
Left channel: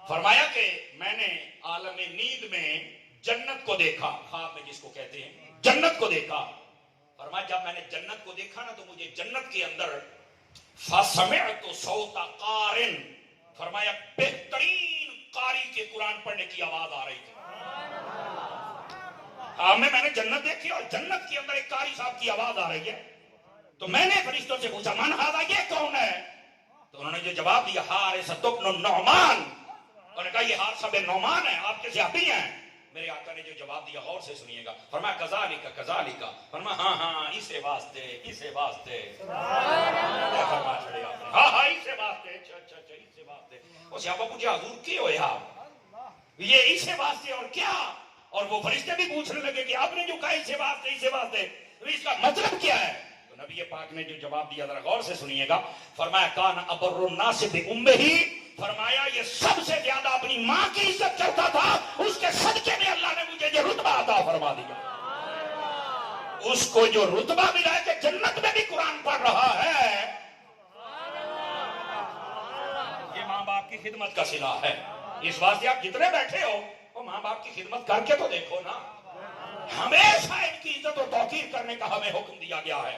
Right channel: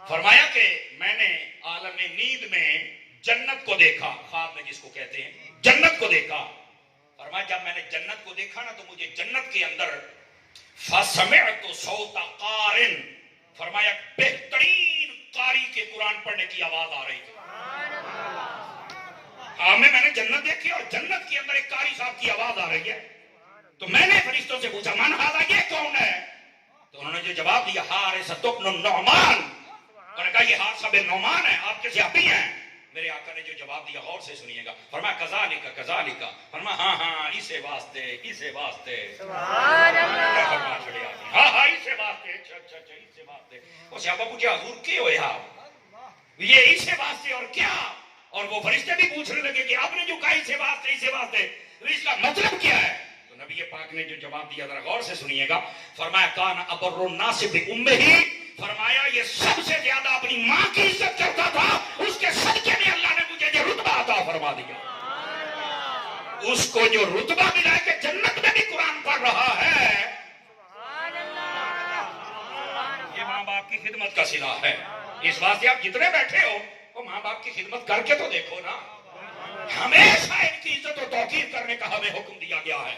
فرمایا کہ میں نے عالم نیند میں جنت کو دیکھا، خواب میں جس کو کہتے ہیں جنت کو دیکھا. فرمایا جب میں نے جنت کو دیکھا نا تو مجھے جنت کے اندر فسمعت صوت قارن، فرمایا بہترین قاری کے قرآن پڑھنے کی آواز آ رہی تھی. میں نے جنت دیکھی اور جنت کے اندر ایک قاری صاحب کی آواز آ رہی ہے. تو میں نے فرشتوں سے پوچھا من ھذا، یہ کون ہے؟ تو انہوں نے جو جواب دیا حارثۃ بن النعمان. انہوں نے کہا یہ حارثہ بن نعمان ہے، آپ کے صحابی ہیں. میرے آقا نے جو جواب دیا غور سے سنیے گا. فرمایا کذالک کذالک، فرمایا ہاں ہاں اسے واسطے اسے واسطے. سبحان اللہ. فرما چھڑے آپ نے ہاں ہاں اسے واسطے. اچھا اچھا اچھا اسے واسطے. وہ صحابہ پوچھا حضور کی ہویا یہ اسے واسطے اور کیا؟ اور وہ فرشتے بھی پوچھنے لگے کہ آپ نے جو کہا اسے واسطے اس کا مطلب کیا ہے؟ تو نبی پاک نے جو جواب دیا ذرا غور سے سنیے گا. فرمایا کان ابر الناس بامہ، فرمایا یہ سب سے زیادہ اپنی ماں کی عزت کرتا تھا، اس کے صدقے میں اللہ نے مجھے یہ رتبہ عطا فرما دیا. اس کو جو رتبہ ملا کہ جنت میں بھی قرآن پڑھ رہا ہے، یہ ماں باپ کی خدمت کا صلہ ہے. اس واسطے آپ جتنے بیٹھے ہو وہ ماں باپ کی خدمت کر کے تو دیکھو نا. ہمیشہ ان کی عزت و توقیر کرنے کا ہمیں حکم دیا گیا ہے.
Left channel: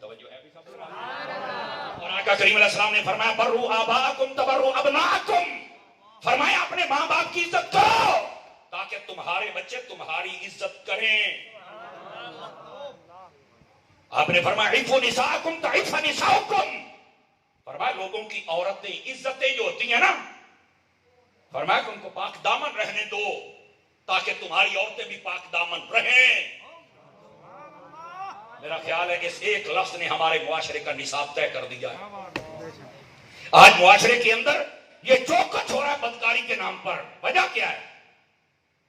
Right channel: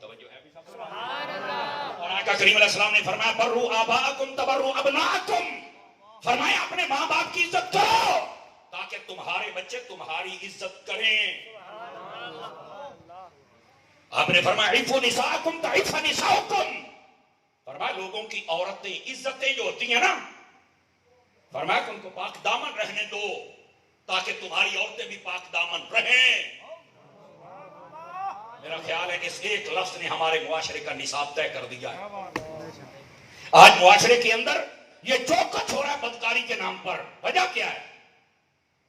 توجہ ہے بھی سب. اور آقا کریم علیہ السلام نے فرمایا برو آباءکم تبرو ابناءکم، فرمایا اپنے ماں باپ کی عزت کرو تاکہ تمہارے بچے تمہاری عزت کریں. آپ نے فرمایا عفوا نساءکم تعف نساؤکم، فرمایا لوگوں کی عورتیں عزتیں جو ہوتی ہیں نا، فرمایا کہ ان کو پاک دامن رہنے دو تاکہ تمہاری عورتیں بھی پاک دامن رہیں. میرا خیال ہے کہ اس ایک لفظ نے ہمارے معاشرے کا نصاب طے کر دیا ہے. آج معاشرے کے اندر یہ جو کچھ ہو رہا ہے بدکاری کے نام پر، وجہ کیا ہے؟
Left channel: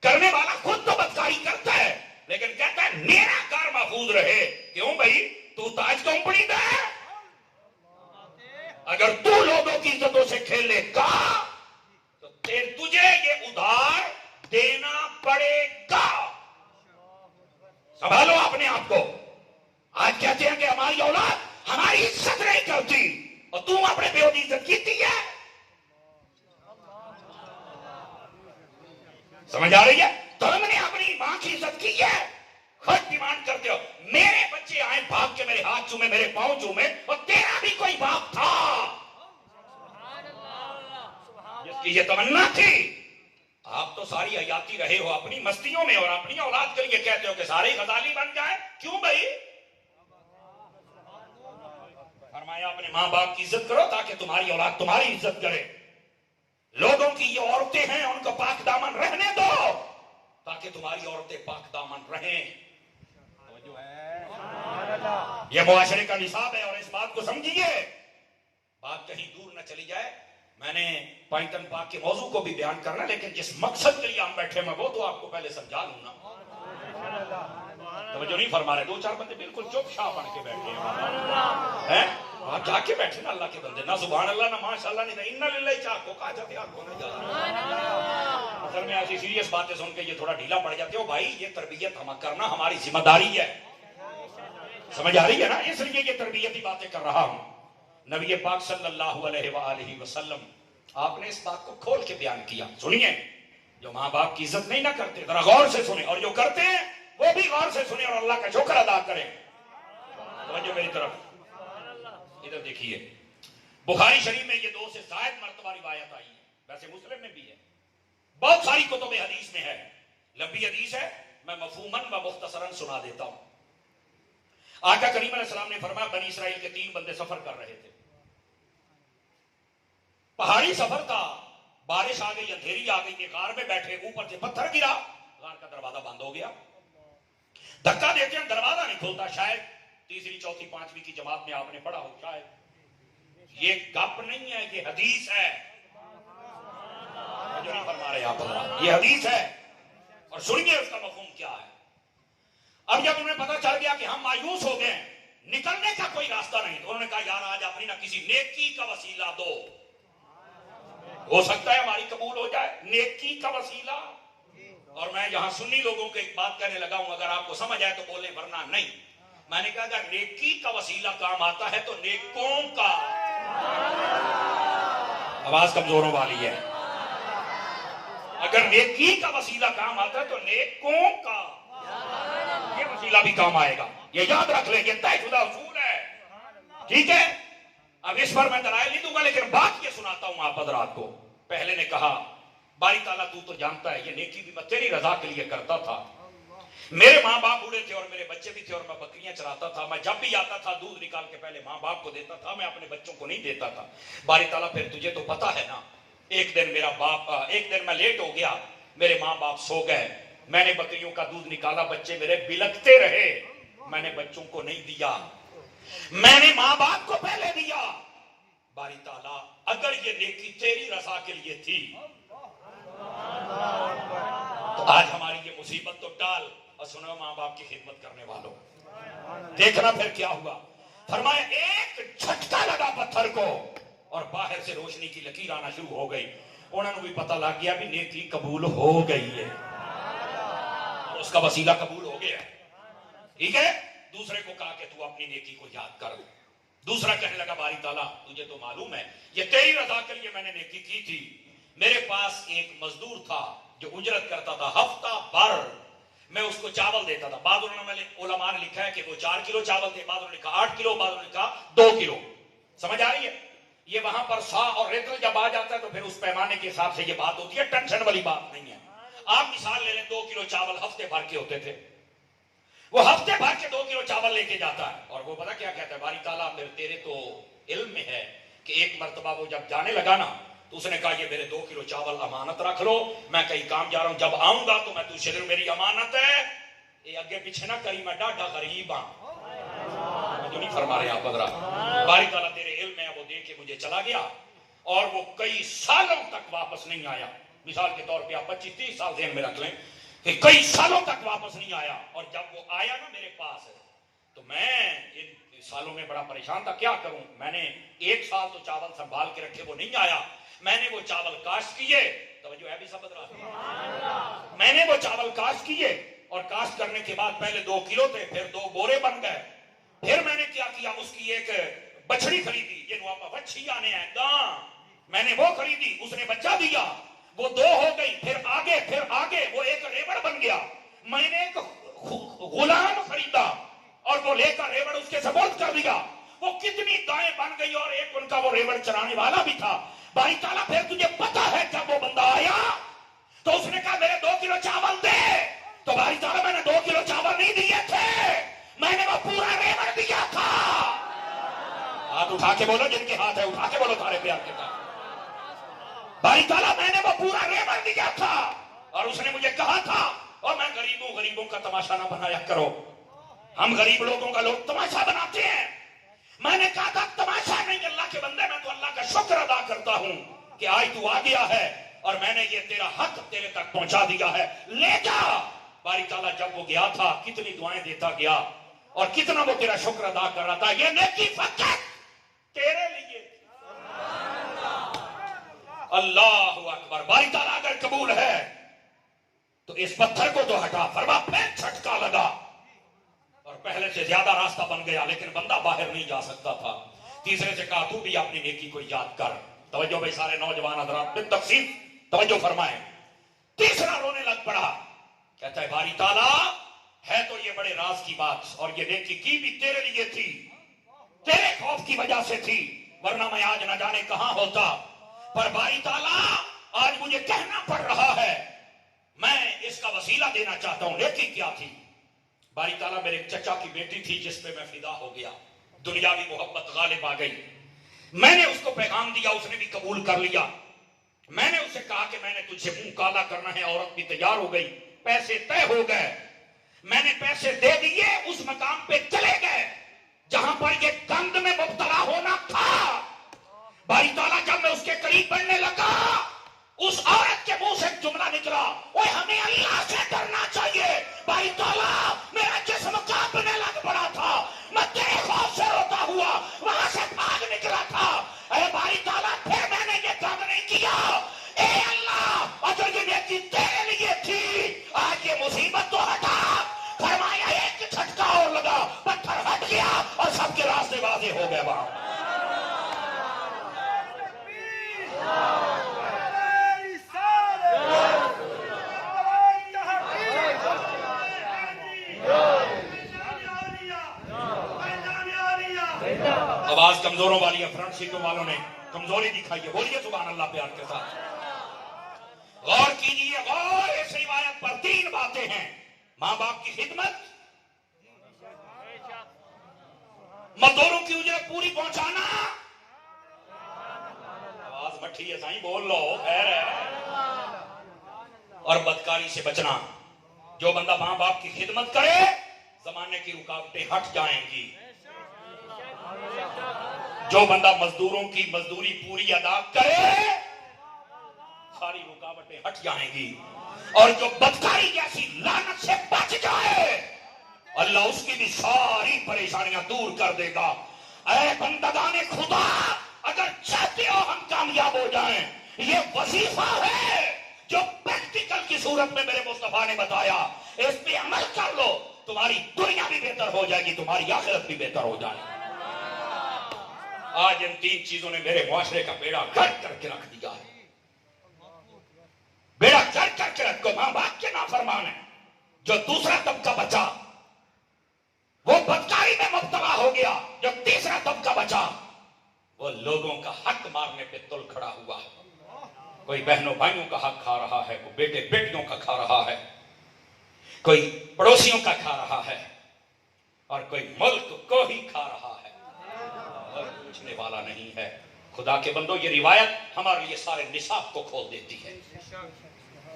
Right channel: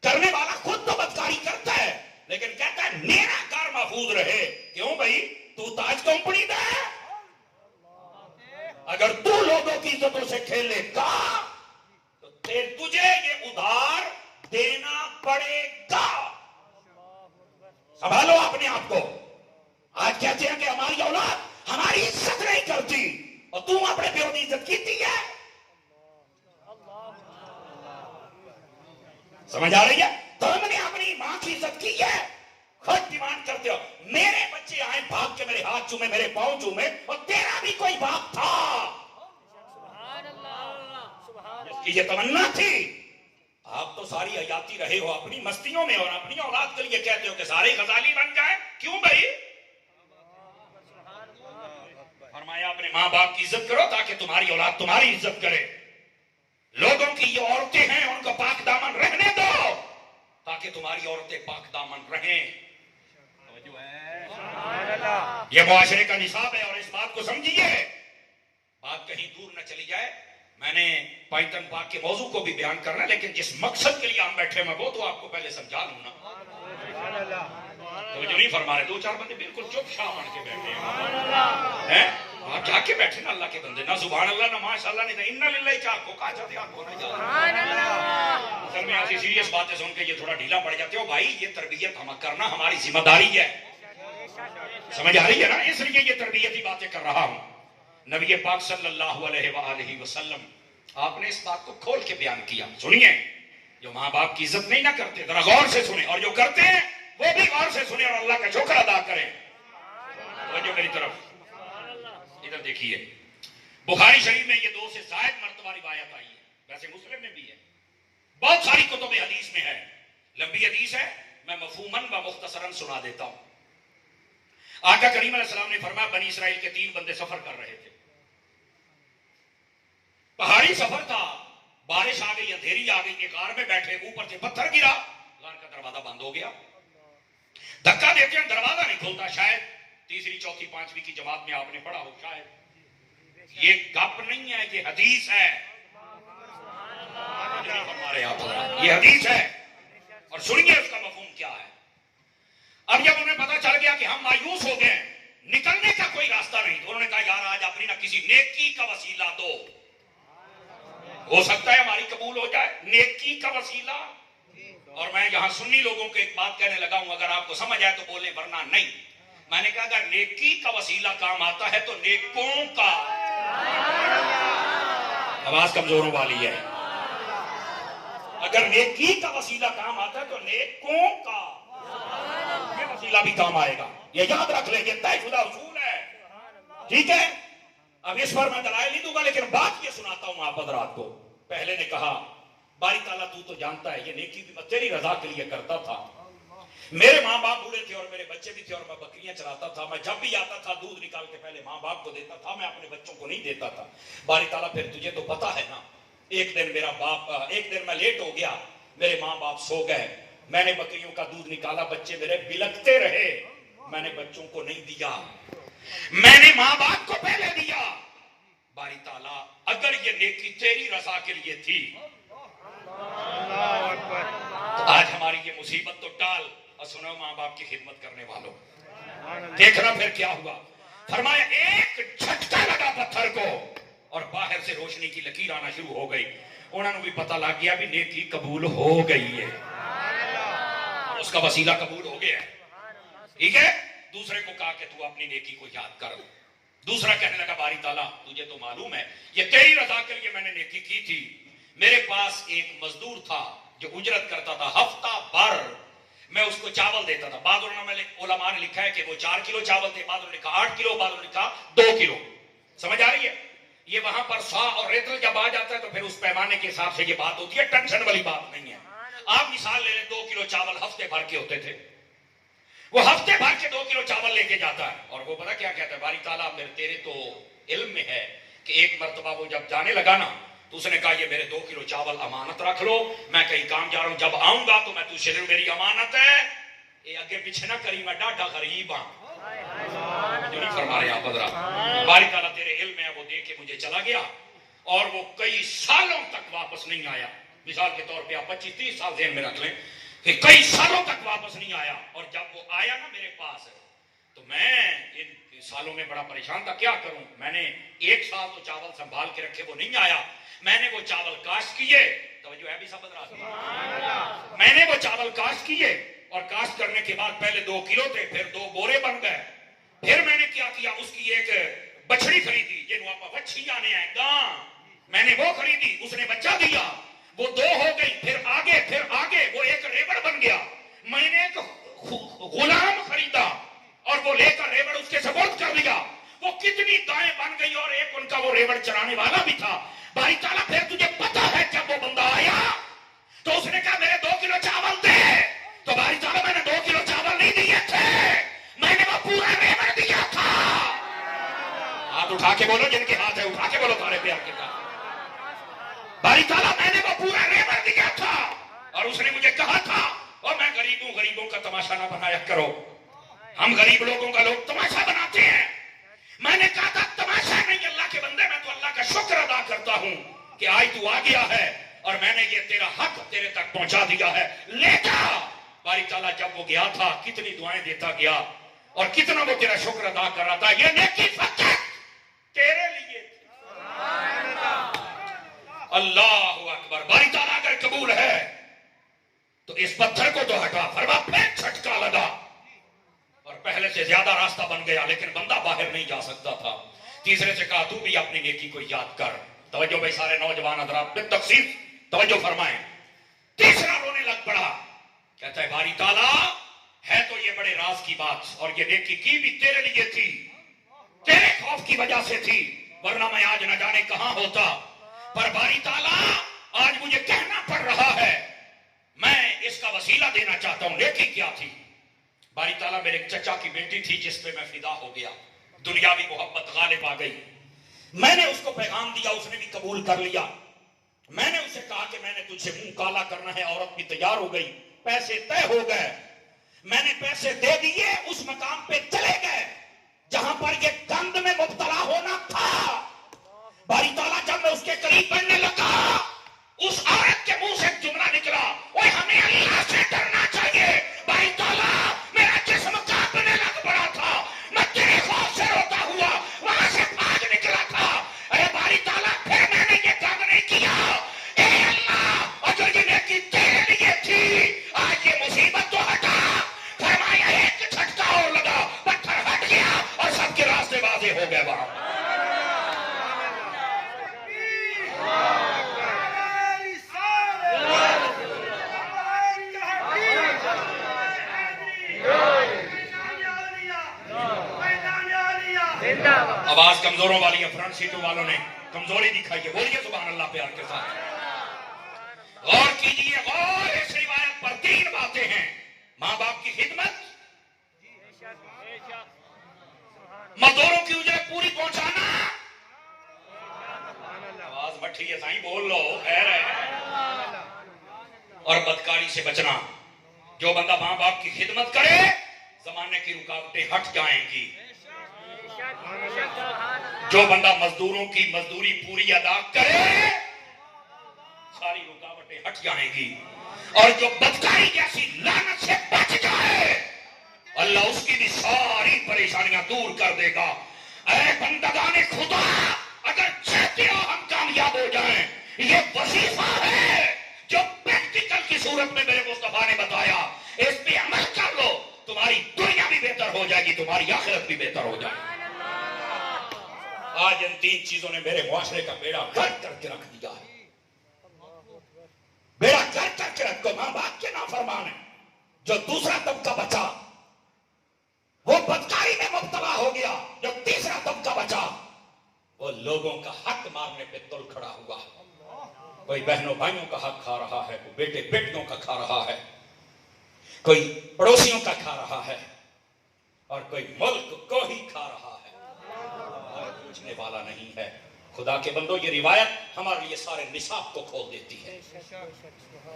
کرنے والا خود تو بدکاری کرتا ہے لیکن کہتا ہے میرا کار محفوظ رہے. کیوں بھائی؟ تو تاج کمپنی کا ہے. اگر تو لوگوں کی عزتوں سے کھیلے گا تو تجھے یہ ادھار دینا پڑے گا. سنبھالو اپنے آپ کو. آج کہتے ہیں کہ ہماری اولاد ہماری عزت نہیں کرتی اور تم اپنے بیٹوں کی عزت کیتی ہے. سمجھ آ رہی ہے؟ تم نے اپنی ماں کی عزت کی ہے، خود ڈیمانڈ کرتے ہو میرے بچے آئے بھاگ کے میرے ہاتھ چومے میرے پاؤں چومے، اور تیرا بھی کوئی باپ تھا جس کی یہ تمنا تھی. آپ تو ساری حیاتی رہے ہو اپنی مستیوں میں اور اپنی اولاد کے لیے کہتے ہو کہ سارے غزالی بن جائیں. کیوں بھائی؟ فرمایا اپنے ماں باپ کی عزت کرو تاکہ تمہاری اولاد تمہاری عزت کرے. لوگوں کی یہ عورتیں ہیں ان کو پاک دامن رہنے دو تاکہ تمہاری عورتیں پاک دامن رہیں. یہ معاشرے کا نصاب ہے اور اس بات کو سمجھیے. بات کہیں دور نہ چلی جائے. میں نے پائتن پاک کے موضوع کو بھی بیان کرنا، لیکن جس مقصد کے لیے ہم بیٹھے میں وہ تو آپ کو پہلے سمجھا دوں نا. توجہ نہیں فرما رہے، دو چار بندے بالکل چپ شاہ بن کے بیٹھے ہیں. آپ جا کے بیٹھے نا اللہ کے بندے، نہ سبحان اللہ نہ ماشاء اللہ نہیں، انا للہ چاہ کو کہا جاتے آپ کو نہ اصل میں ایسی سیریس باتیں سن کے یہ تھوڑا ڈھیلا پڑ جاتے ہو. بھائی یہ تربیت ہم کرنا ہماری ذمہ داری ہے، سمجھ آ رہی ہے نا؟ اس لیے یہ تربیتی باتیں کر رہا ہوں. نبی پاک صلی اللہ علیہ وآلہ وسلم آپ نے اس بات کو کھول کے بیان کیا. سنیے، جو ماں باپ کی عزت نہیں نہ کرتے ذرا غور سے سنیں، اور جو کرتے ہیں وہ بھی غور سے سنیں اور اللہ کا شکر ادا کریں. توجہ میری طرف ادھر دیکھیے. بخاری شریف میں یہ 2 سے زائد مرتبہ روایت آئی ہے، ویسے مسلم میں بھی ہے، بہت ساری کتب حدیث میں ہے. لمبی حدیث ہے، میں مفہوماً و مختصراً سنا دیتا ہوں. آقا کریم علیہ السلام نے فرمایا بنی اسرائیل کے 3 بندے سفر کر رہے تھے. پہاڑی سفر تھا، بارش آ گئی، اندھیری آ گئی، ایک غار میں بیٹھے، اوپر سے پتھر گرا، غار کا دروازہ بند ہو گیا. دھکا دیتے ہیں دروازہ نہیں کھولتا. شاید تیسری چوتھی پانچویں کی جماعت میں آپ نے پڑھا ہو، شاید یہ گپ نہیں ہے، یہ حدیث ہے. فرما رہے آپ یہ حدیث ہے، اور سنیے اس کا مفہوم کیا ہے. اب جب انہیں پتا چل گیا کہ ہم مایوس ہو گئے، نکلنے کا کوئی راستہ نہیں، تو انہوں نے کہا یار آج اپنی نہ کسی نیکی کا وسیلہ دو، ہو سکتا ہے ہماری قبول ہو جائے. نیکی کا وسیلہ. اور میں یہاں سنی لوگوں کو ایک بات کہنے لگا ہوں، اگر آپ کو سمجھ آئے تو بولیں ورنہ نہیں. میں نے کہا اگر نیکی کا وسیلہ کام آتا ہے تو نیکوں کا. آواز کمزوروں والی ہے. اگر نیکی کا وسیلہ کام آتا ہے تو نیکوں کا یہ وسیلہ بھی کام آئے گا. یہ یاد رکھ لیں، یہ طے شدہ اصول ہے. ٹھیک ہے، اب اس پر میں دلائل نہیں دوں گا، لیکن بات یہ سناتا ہوں آپ حضرات کو. پہلے نے کہا باری تعالیٰ تو جانتا ہے یہ نیکی بھی میں تیری رضا کے لیے کرتا تھا. میرے ماں باپ بوڑھے تھے اور میرے بچے بھی تھے، اور میں بکریاں چراتا تھا. میں جب بھی آتا تھا دودھ نکال کے پہلے ماں باپ کو دیتا تھا، میں اپنے بچوں کو نہیں دیتا تھا. باری تعالیٰ پھر تجھے تو پتا ہے نا، ایک دن میں لیٹ ہو گیا، میرے ماں باپ سو گئے، میں نے بکریوں کا دودھ نکالا، بچے میرے بلکتے رہے، میں نے بچوں کو نہیں دیا، میں نے ماں باپ کو پہلے دیا. باری تعالیٰ اگر یہ نیکی تیری رضا کے لیے تھی تو آج ہماری یہ مصیبت تو ٹال. اور سنو ماں باپ کی خدمت کرنے والوں، دیکھنا پھر کیا ہوا. فرمایا ایک جھٹکا لگا پتھر کو اور باہر سے روشنی کی لکیر آنا شروع ہو گئی. انہوں نے بھی پتہ لگ گیا بھی نیکی قبول ہو گئی ہے، اس کا وسیلہ قبول ہو گیا. ٹھیک ہے. دوسرے کو کہا کہ تو اپنی نیکی کو یاد کر. دوسرا کہنے لگا باری تعالیٰ تجھے تو معلوم ہے یہ تیری رضا کے لیے میں نے نیکی کی تھی. میرے پاس ایک مزدور تھا جو اجرت کرتا تھا، ہفتہ بھر میں اس کو چاول دیتا تھا. بعض علماء نے لکھا ہے کہ وہ 4 کلو چاول تھے، بعض نے لکھا 8 کلو، بعض نے لکھا 2 کلو. سمجھ آ رہی ہے؟ یہ وہاں پر سا اور ریتل جب آ جاتا ہے تو پھر اس پیمانے کے حساب سے یہ بات ہوتی ہے، ٹینشن والی بات نہیں ہے. آپ مثال لے لیں 2 کلو چاول ہفتے بھر کے ہوتے تھے، وہ ہفتے بھر کے 2 کلو چاول لے کے جاتا ہے. اور وہ پتا کیا کہتا ہے، باری تعالیٰ تیرے تو علم میں ہے کہ ایک مرتبہ وہ جب جانے لگا نا تو اس نے کہا یہ میرے 2 کلو چاول امانت رکھ لو، میں کہیں کام جا رہا ہوں، جب آؤں گا تو میں تجھے دوں، میری امانت ہے. یہ اگے پیچھے نہ کری، میں ڈاڈا غریب ہاں. جو نہیں فرما رہے آپ حضرات، باری تعالیٰ تیرے علم میں ہے. وہ دے کے مجھے چلا گیا اور وہ کئی سالوں تک واپس نہیں آیا. مثال کے طور پہ آپ 25-30 سال ذہن میں رکھ لیں کہ کئی سالوں تک واپس نہیں آیا. اور جب وہ آیا نا میرے پاس تو میں ان سالوں میں بڑا پریشان تھا، کیا کروں. میں نے 1 سال تو چاول سنبھال کے رکھے، وہ نہیں آیا. میں نے وہ چاول کاشت کیے. توجہ ہے بھی سب حضرات؟ میں نے وہ چاول کاشت کیے اور کاشت کرنے کے بعد پہلے 2 کلو تھے، پھر 2 بورے بن گئے. پھر میں نے کیا کیا، اس کی ایک بچڑی خریدی، یہ بچھی آنے ہیں گاں، میں نے وہ خریدی، اس نے بچہ دیا، وہ 2 ہو گئی. پھر آگے وہ ایک ریوڑ بن گیا. میں نے ایک غلام خریدا اور وہ لے کر ریوڑ اس کے سپرد کر دیا. وہ کتنی گائیں بن گئی اور ایک ان کا وہ ریوڑ چرانے والا بھی تھا. باری تعالیٰ پھر تجھے پتا ہے جب وہ بندہ آیا تو اس نے کہا میرے 2 کلو چاول دے. تو باری تعالیٰ میں نے 2 کلو چاول نہیں دیے تھے، میں نے وہ پورا ریوڑ دیا تھا. ہاتھ اٹھا کے بولو، جن کے ہاتھ ہے اٹھا کے بولو تارے پیار کے کہا. باری تعالیٰ میں نے وہ پورا ریوڑ دیا تھا اور اس نے مجھے کہا تھا، اور میں غریبوں کا تماشا نہ بنایا کرو. ہم غریب لوگوں کا لوگ تماشا بناتے ہیں. میں نے کہا تھا تماشا نہیں اللہ کے بندے، میں تو اللہ کا شکر ادا کرتا ہوں کہ آج تو آ گیا ہے اور میں نے یہ تیرا حق تیرے تک پہنچا دیا ہے، لے جا۔ باری تعالیٰ جب وہ گیا تھا کتنی دعائیں دیتا گیا اور کتنا وہ تیرا شکر ادا کر رہا تھا، یہ نیکی فقط تیرے لیے تھی۔ اللہ اکبر۔ باری تعالیٰ اگر قبول ہے تو اس پتھر کو تو ہٹا، فرما پھر جھٹکا لگا اور پہلے سے زیادہ راستہ بن گیا، لیکن بندہ باہر نہیں جا سکتا تھا۔ تیسرے سے کہا تو بھی اپنی نیکی کو یاد کر۔ توجہ بھائی سارے نوجوان حضرات بالتفصیل توجہ فرمائیں۔ تیسرا رونے لگ پڑا، کہتا ہے باری تعالیٰ ہے تو یہ بڑے راز کی بات، اور یہ نیکی کی بھی تیرے لیے تھی، تیرے خوف کی وجہ سے تھی، ورنہ میں آج نہ جانے کہاں ہوتا۔ پر باری تعالیٰ آج مجھے کہنا پڑ رہا ہے، میں اس کا وسیلہ دینا چاہتا ہوں۔ نیکی کیا تھی؟ باری تعالیٰ میرے چچا کی بیٹی تھی جس پہ میں فدا ہو گیا، دنیاوی محبت غالب آ گئی، میں نے اس کو پیغام دیا، اس نے بھی قبول کر لیا۔ میں نے اسے کہا کہ میں نے تجھے منہ کالا کرنا ہے، عورت بھی تیار ہو گئی، پیسے طے ہو گئے، میں نے پیسے دے دیے، اس مقام پہ چلے گئے جہاں پر یہ گند میں مبتلا ہونا تھا۔ باری تعالیٰ جب میں اس کے قریب بڑھنے لگا، اس عورت کے منہ سے ایک جملہ نکلا، اوے ہمیں اللہ سے ڈرنا چاہیے۔ باری تعالیٰ میرا جسم کانپنے لگ پڑا تھا، میں تیرے خوف سے روتا ہوا وہاں سے بھاگ نکلا تھا۔ اے باری تعالیٰ پھر میں نے یہ کام نہیں کیا، اے اللہ اگر یہ نیکی تیرے لیے تھی آج یہ مصیبت تو ہٹا۔ فرمایا ایک جھٹکا اور لگا، پتھر ہٹ گیا اور سب کے راستے واضح ہو گئے۔ وہاں آواز کمزوروں والی ہے، فرنٹ سیٹوں والوں نے کمزوری دکھائی ہے، بولیے سبحان اللہ پیار کے ساتھ۔ غور کیجئے، غور اس روایت پر تین باتیں ہیں: ماں باپ کی خدمت، مزدوروں کی اجرت پوری پہنچانا، آواز بٹھی ہے سائیں بول لو خیر ہے، اور بدکاری سے بچنا۔ جو بندہ ماں باپ کی خدمت کرے زمانے کی رکاوٹیں ہٹ جائیں گی، جو بندہ مزدوروں کی مزدوری پوری ادا کرے ساری رکاوٹیں ہٹ جائیں گی، اور جو بدکاری جیسی لعنت سے بچ جائے اللہ اس کی بھی ساری پریشانیاں دور کر دے گا۔ اے بندگان خدا، اگر چاہتے ہو ہم کامیاب ہو جائیں، یہ وظیفہ ہے جو پریکٹیکل کی صورت میں میرے مصطفیٰ نے بتایا، اس پہ عمل کر لو، تمہاری دنیا بھی بہتر ہو جائے گی، تمہاری آخرت بھی بہتر ہو جائے گی۔ آج ان تین چیزوں نے میرے معاشرے کا بیڑا گرک کر کے رکھ دیا ہے، بیڑا گرک کر کے رکھ دو۔ ماں باپ کے نافرمان ہیں، جو دوسرا طبقہ بچا وہ بدکاری میں مبتلا ہو گیا، جب تیسرا طبقہ بچا وہ لوگوں کا حق مارنے پہ تل کھڑا ہوا۔ کوئی بہنوں بھائیوں کا حق کھا رہا ہے، کوئی بیٹے بیٹیوں کا کھا رہا ہے، کوئی پڑوسیوں کا کھا رہا ہے، اور کوئی ملک کو ہی کھا رہا ہے اور پوچھنے والا نہیں ہے۔ خدا کے بندو، یہ روایت ہمارے لیے سارے نصاب کو کھول دیتی ہے۔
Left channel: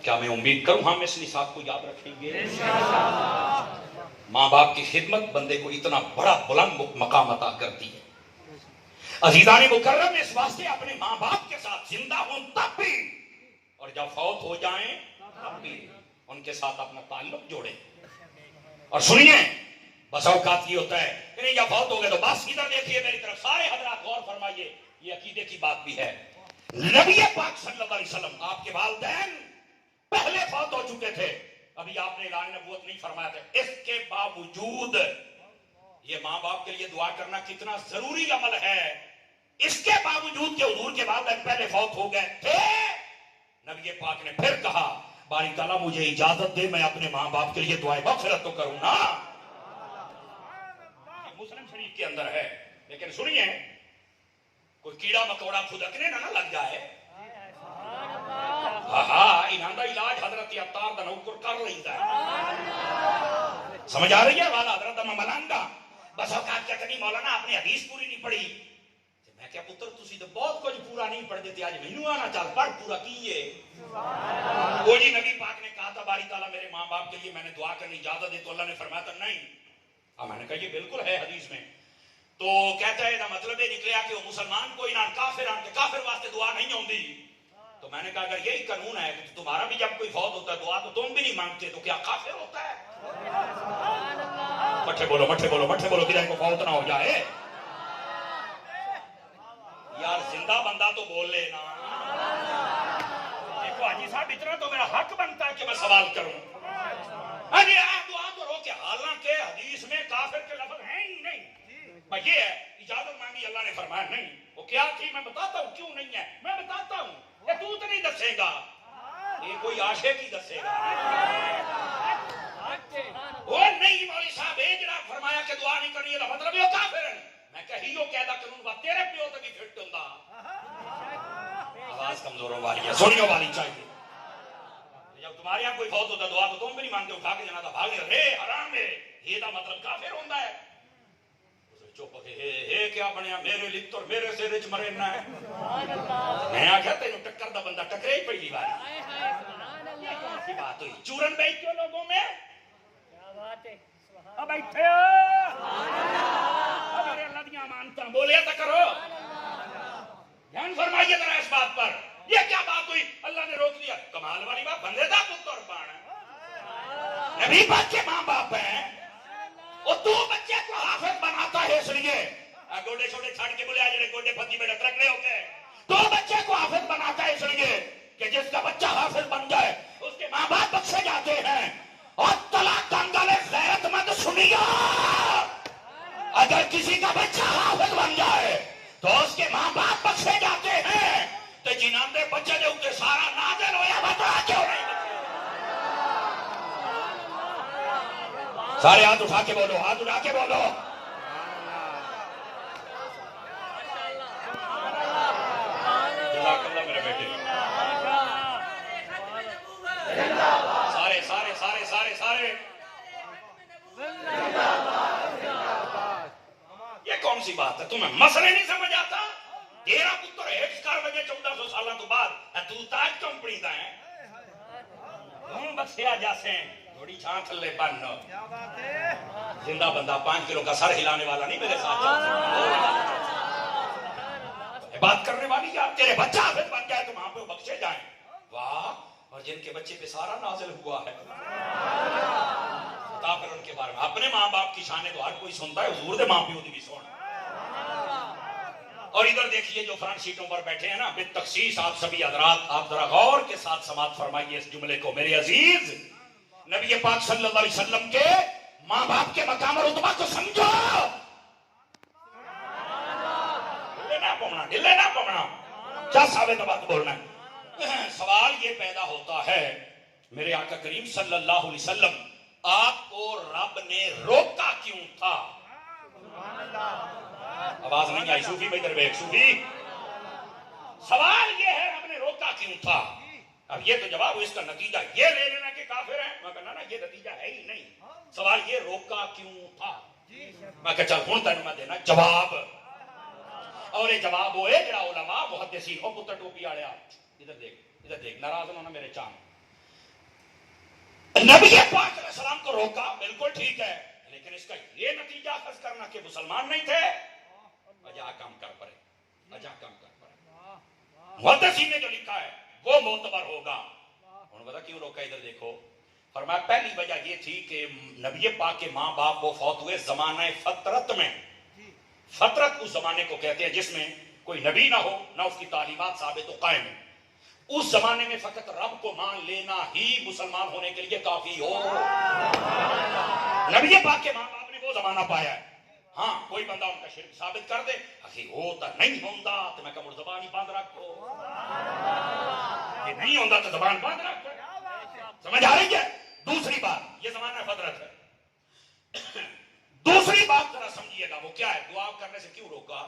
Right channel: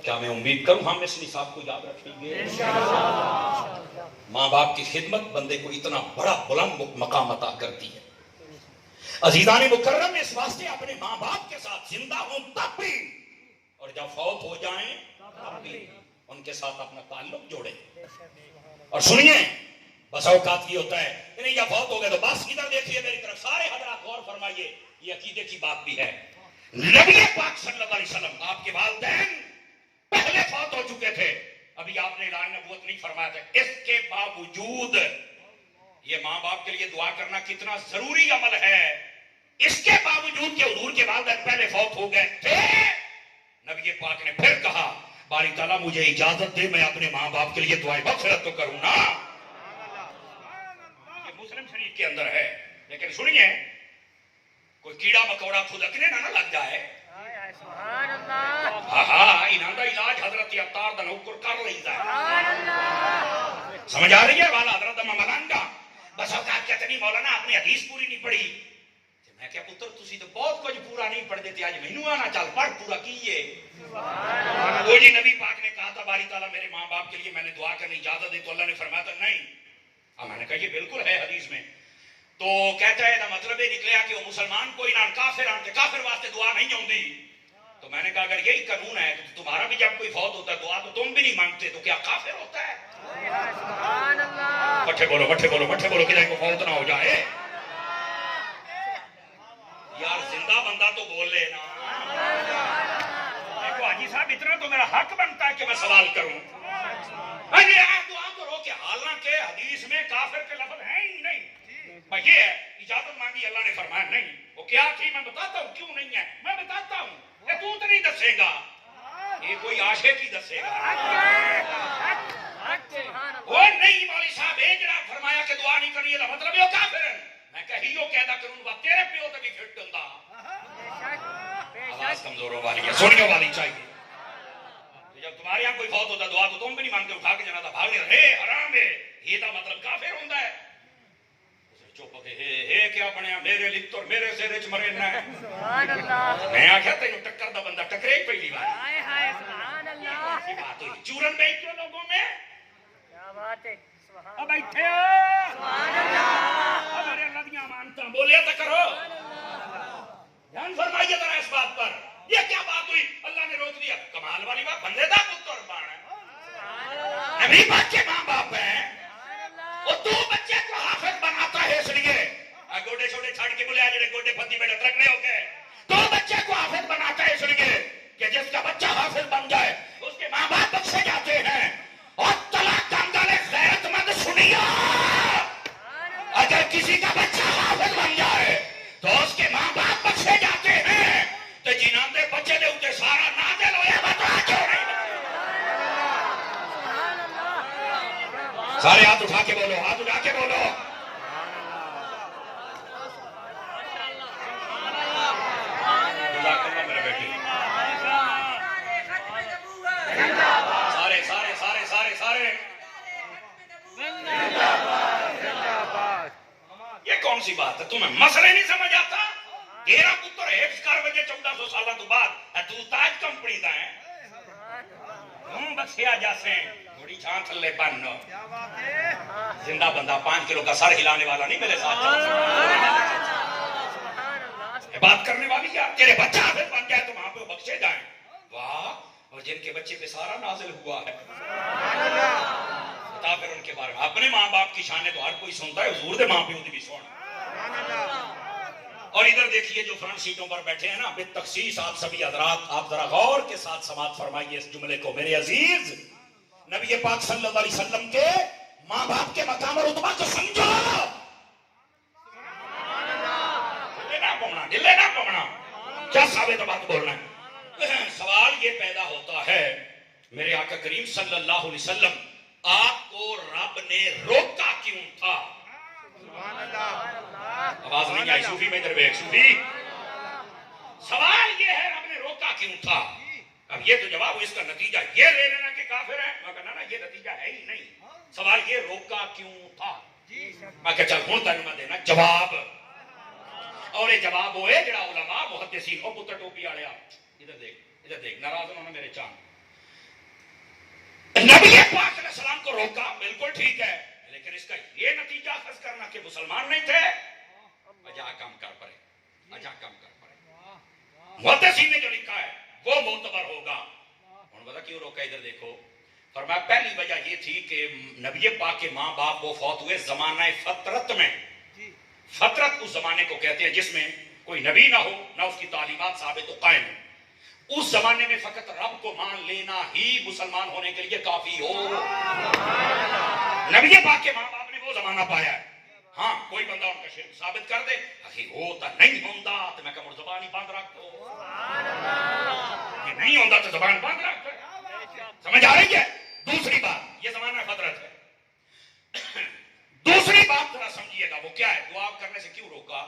کیا میں امید کروں ہم اس نصاب کو یاد رکھیں گے؟ ماں باپ کی خدمت بندے کو اتنا بڑا بلند مقام عطا کرتی ہے۔ عزیزان مکرم، اس واسطے اپنے ماں باپ کے ساتھ زندہ ہوں تب بھی، اور جب فوت ہو جائیں تب بھی ان کے ساتھ اپنا تعلق جوڑیں۔ اور سنیے، بس اوقات یہ ہوتا ہے کہ نہیں یا فوت ہو گئے تو بس ادھر دیکھیے میری طرف، سارے حضرات غور فرمائیے، یہ عقیدے کی بات بھی ہے۔ نبی پاک صلی اللہ علیہ وسلم، آپ کے والدین پہلے فوت ہو چکے تھے، ابھی آپ نے اعلان نبوت نہیں فرمایا تھا، اس کے باوجود یہ ماں باپ کے لیے دعا کرنا کتنا ضروری عمل ہے۔ اس کے باوجود کہ حضور کے والدین پہلے فوت ہو گئے تھے، نبی پاک نے پھر کہا باری تعالیٰ مجھے اجازت دے میں اپنے ماں باپ کے لیے دعائیں مغفرت تو کروں نا۔ یہ مسلم شریف کے اندر ہے، لیکن سنیے، کوئی کیڑا مکوڑا کھدکنے نہ لگ جائے۔ ہاں انہاں دا علاج حضرت عطار دا نوکر کر لیندا ہے۔ سمجھ آ رہی ہے والا حضرت ممنان دا؟ بس اوقات کہتے نہیں مولانا آپ نے حدیث پوری نہیں پڑھی۔ میں کیا پتر تسی تو بہت کچھ پورا نہیں پڑھ دیتے، آج مینوں آنا چل پڑھ پورا کیے۔ وہ جی نبی پاک نے کہا تھا باری تعالیٰ میرے ماں باپ کے لیے میں نے دعا کرنے اجازت دی، تو اللہ نے فرمایا تھا نہیں۔ اب میں نے کہا یہ بالکل ہے حدیث میں، تو کہتا ہے نا مطلب یہ نکلیا کہ وہ مسلمان کوئی نہ کافر آن کے کافر واسطے دعا نہیں ہوندی، تو میں نے کہا اگر یہی قانون ہے تو تمہارا بھی جب کوئی فوت ہوتا ہے دعا تو تم بھی نہیں مانگتے تو کیا کافر ہوتا ہے؟ مٹھے بولو مٹھے بولو مٹھے بولو کہ کو فوت نہ ہو جائے. یار زندہ بندہ تو بول لے نا. دیکھو حاجی صاحب اتنا تو میرا حق بنتا ہے کہ میں سوال کروں. ارے آپ دعا کرو کہ حالانکہ حدیث میں کافر کے لفظ ہیں ہی نہیں. بھائی یہ ہے اجازت مانگی اللہ نے فرمایا نہیں. وہ کیا تھی میں بتاتا ہوں کیوں نہیں ہے میں بتاتا ہوں. تو نہیں دسے گا یہ کوئی عاشق ہی دسے گا. وہ نہیں مولوی صاحب یہ جڑا فرمایا کہ دعا نہیں کرنی ہے مطلب وہ کافر ہے. میں کہیو کہدا کروں گا تیرے پیو تے بھی پھٹ دوندا. آواز کمزوروں والی ہے سنیوں والی چاہیے. جب تمہارے یہاں کوئی فوت ہوتا دعا تو تم بھی نہیں مانگتے اٹھا کے جنازہ بھاگ رہے حرام ہے یہ دا مطلب کافر ہوندا ہے. چپ کے کیا بنیا میرے لکھ تو میرے سر چ مرے نہ ہے. میں آخیا تینوں ٹکر دا بندہ ٹکرے ہی پہلی بار. بات ہوئی چورن بیچ کے لوگوں میں اب بیٹھے میرے اللہ دی امانتاں بولے تو کرو. دھیان فرمائیے ذرا اس بات پر. یہ کیا بات ہوئی اللہ نے روک دیا. کمال والی بات بندے دا پتر بن نبی پاک کے ماں باپ ہیں. وہ تو بچے کو حافظ بناتا ہے اس لیے گوڈے چھوٹے چھاڑ کے بولے جڑے گوڈے پھندی میں ٹرکنے ہو گئے. تو بچے کو حافظ بناتا ہے اس لیے کہ جس کا بچہ حافظ بن جائے اس کے ماں باپ بخشے جاتے ہیں. اور طلاق دنگلے غیرت مند سنیا اگر کسی کا بچہ حافظ بن جائے تو اس کے ماں باپ بخشے جاتے ہیں. تو جنہوں نے بچے دے اوپر سارا نازل ہویا بتا کیوں نہیں. سارے ہاتھ اٹھا کے بولو ہاتھ اٹھا کے بولو. میرے بیٹے سارے سارے سارے سارے سارے یہ کون سی بات ہے تمہیں مسئلے نہیں سمجھ آتا. تیرا پتر حفظ کر وجے 1400 سالہ تو بعد تو تاج کمپنی دا ہے ہوں بخشیا جاسے تھوڑی چھان تھلے بن. زندہ بندہ 5 کلو کا سر ہلانے والا نہیں میرے ساتھ چل سکتا. بات کرنے والی کیا تیرے بچہ حافظ بن جائے تو وہاں پہ بخشے جائیں. واہ. اور جن کے بچے پہ سارا نازل ہوا ہے بتا پھر ان کے بارے میں. اپنے ماں باپ کی شانیں تو ہر کوئی سنتا ہے حضور دے ماں پیو دی بھی سن. اور ادھر دیکھیے جو فرنٹ سیٹوں پر بیٹھے ہیں نا بالتخصیص آپ سبھی حضرات آپ ذرا غور کے ساتھ سماعت فرمائیے اس جملے کو. میرے عزیز نبی پاک صلی اللہ علیہ وسلم کے ماں باپ کے مقام اور رتبہ کو سمجھو. دلے نہ پونا کیا ثابت بات بولنا ہے. سوال یہ پیدا ہوتا ہے میرے آقا کریم صلی اللہ علیہ وسلم آپ کو رب نے روکا کیوں تھا. آواز نہیں آئی صوفی میں ادھر ایک صوفی. سوال یہ ہے رب نے روکا کیوں تھا. اب یہ تو جواب اس کا نتیجہ یہ لے لینا کہ کافر ہے. میں کہنا نا یہ نتیجہ ہے ہی نہیں. سوال یہ روکا کیوں تھا. میں کہ چل ہوں تین میں دینا جواب. اور یہ جواب ہوئے جڑا علماء محدثین او پتر ٹوپی والے ادھر دیکھ ناراض ہونا میرے چاند. نبی پاک علیہ السلام کو روکا بالکل ٹھیک ہے لیکن اس کا یہ نتیجہ اخذ کرنا کہ مسلمان نہیں تھے. اجا کم کر پڑے اجا کم کر پڑے. محدثین نے جو لکھا ہے وہ معتبر ہوگا. انہوں نے بتا کیوں روکا. ادھر دیکھو فرمایا پہلی وجہ یہ تھی کہ نبی پاک کے ماں باپ وہ فوت ہوئے زمانہ فطرت میں. فطرت اس زمانے کو کہتے ہیں جس میں کوئی نبی نہ ہو نہ اس کی تعلیمات ثابت و قائم. اس زمانے میں فقط رب کو مان لینا ہی مسلمان ہونے کے لیے کافی ہو. نبی پاک کے ماں باپ نے وہ زمانہ پایا ہے. ہاں کوئی بندہ ان کا شرک ثابت کر دے اخی ہوتا نہیں ہوندا تو میں کہوں زبان ہی بند رکھو. یہ نہیں ہوندا تو زبان بند رکھو. سمجھ آ رہی ہے. دوسری بات یہ زمانہ فطرت ہے. دوسری بات ذرا سمجھیے گا وہ کیا ہے. دعا کرنے سے کیوں روکا.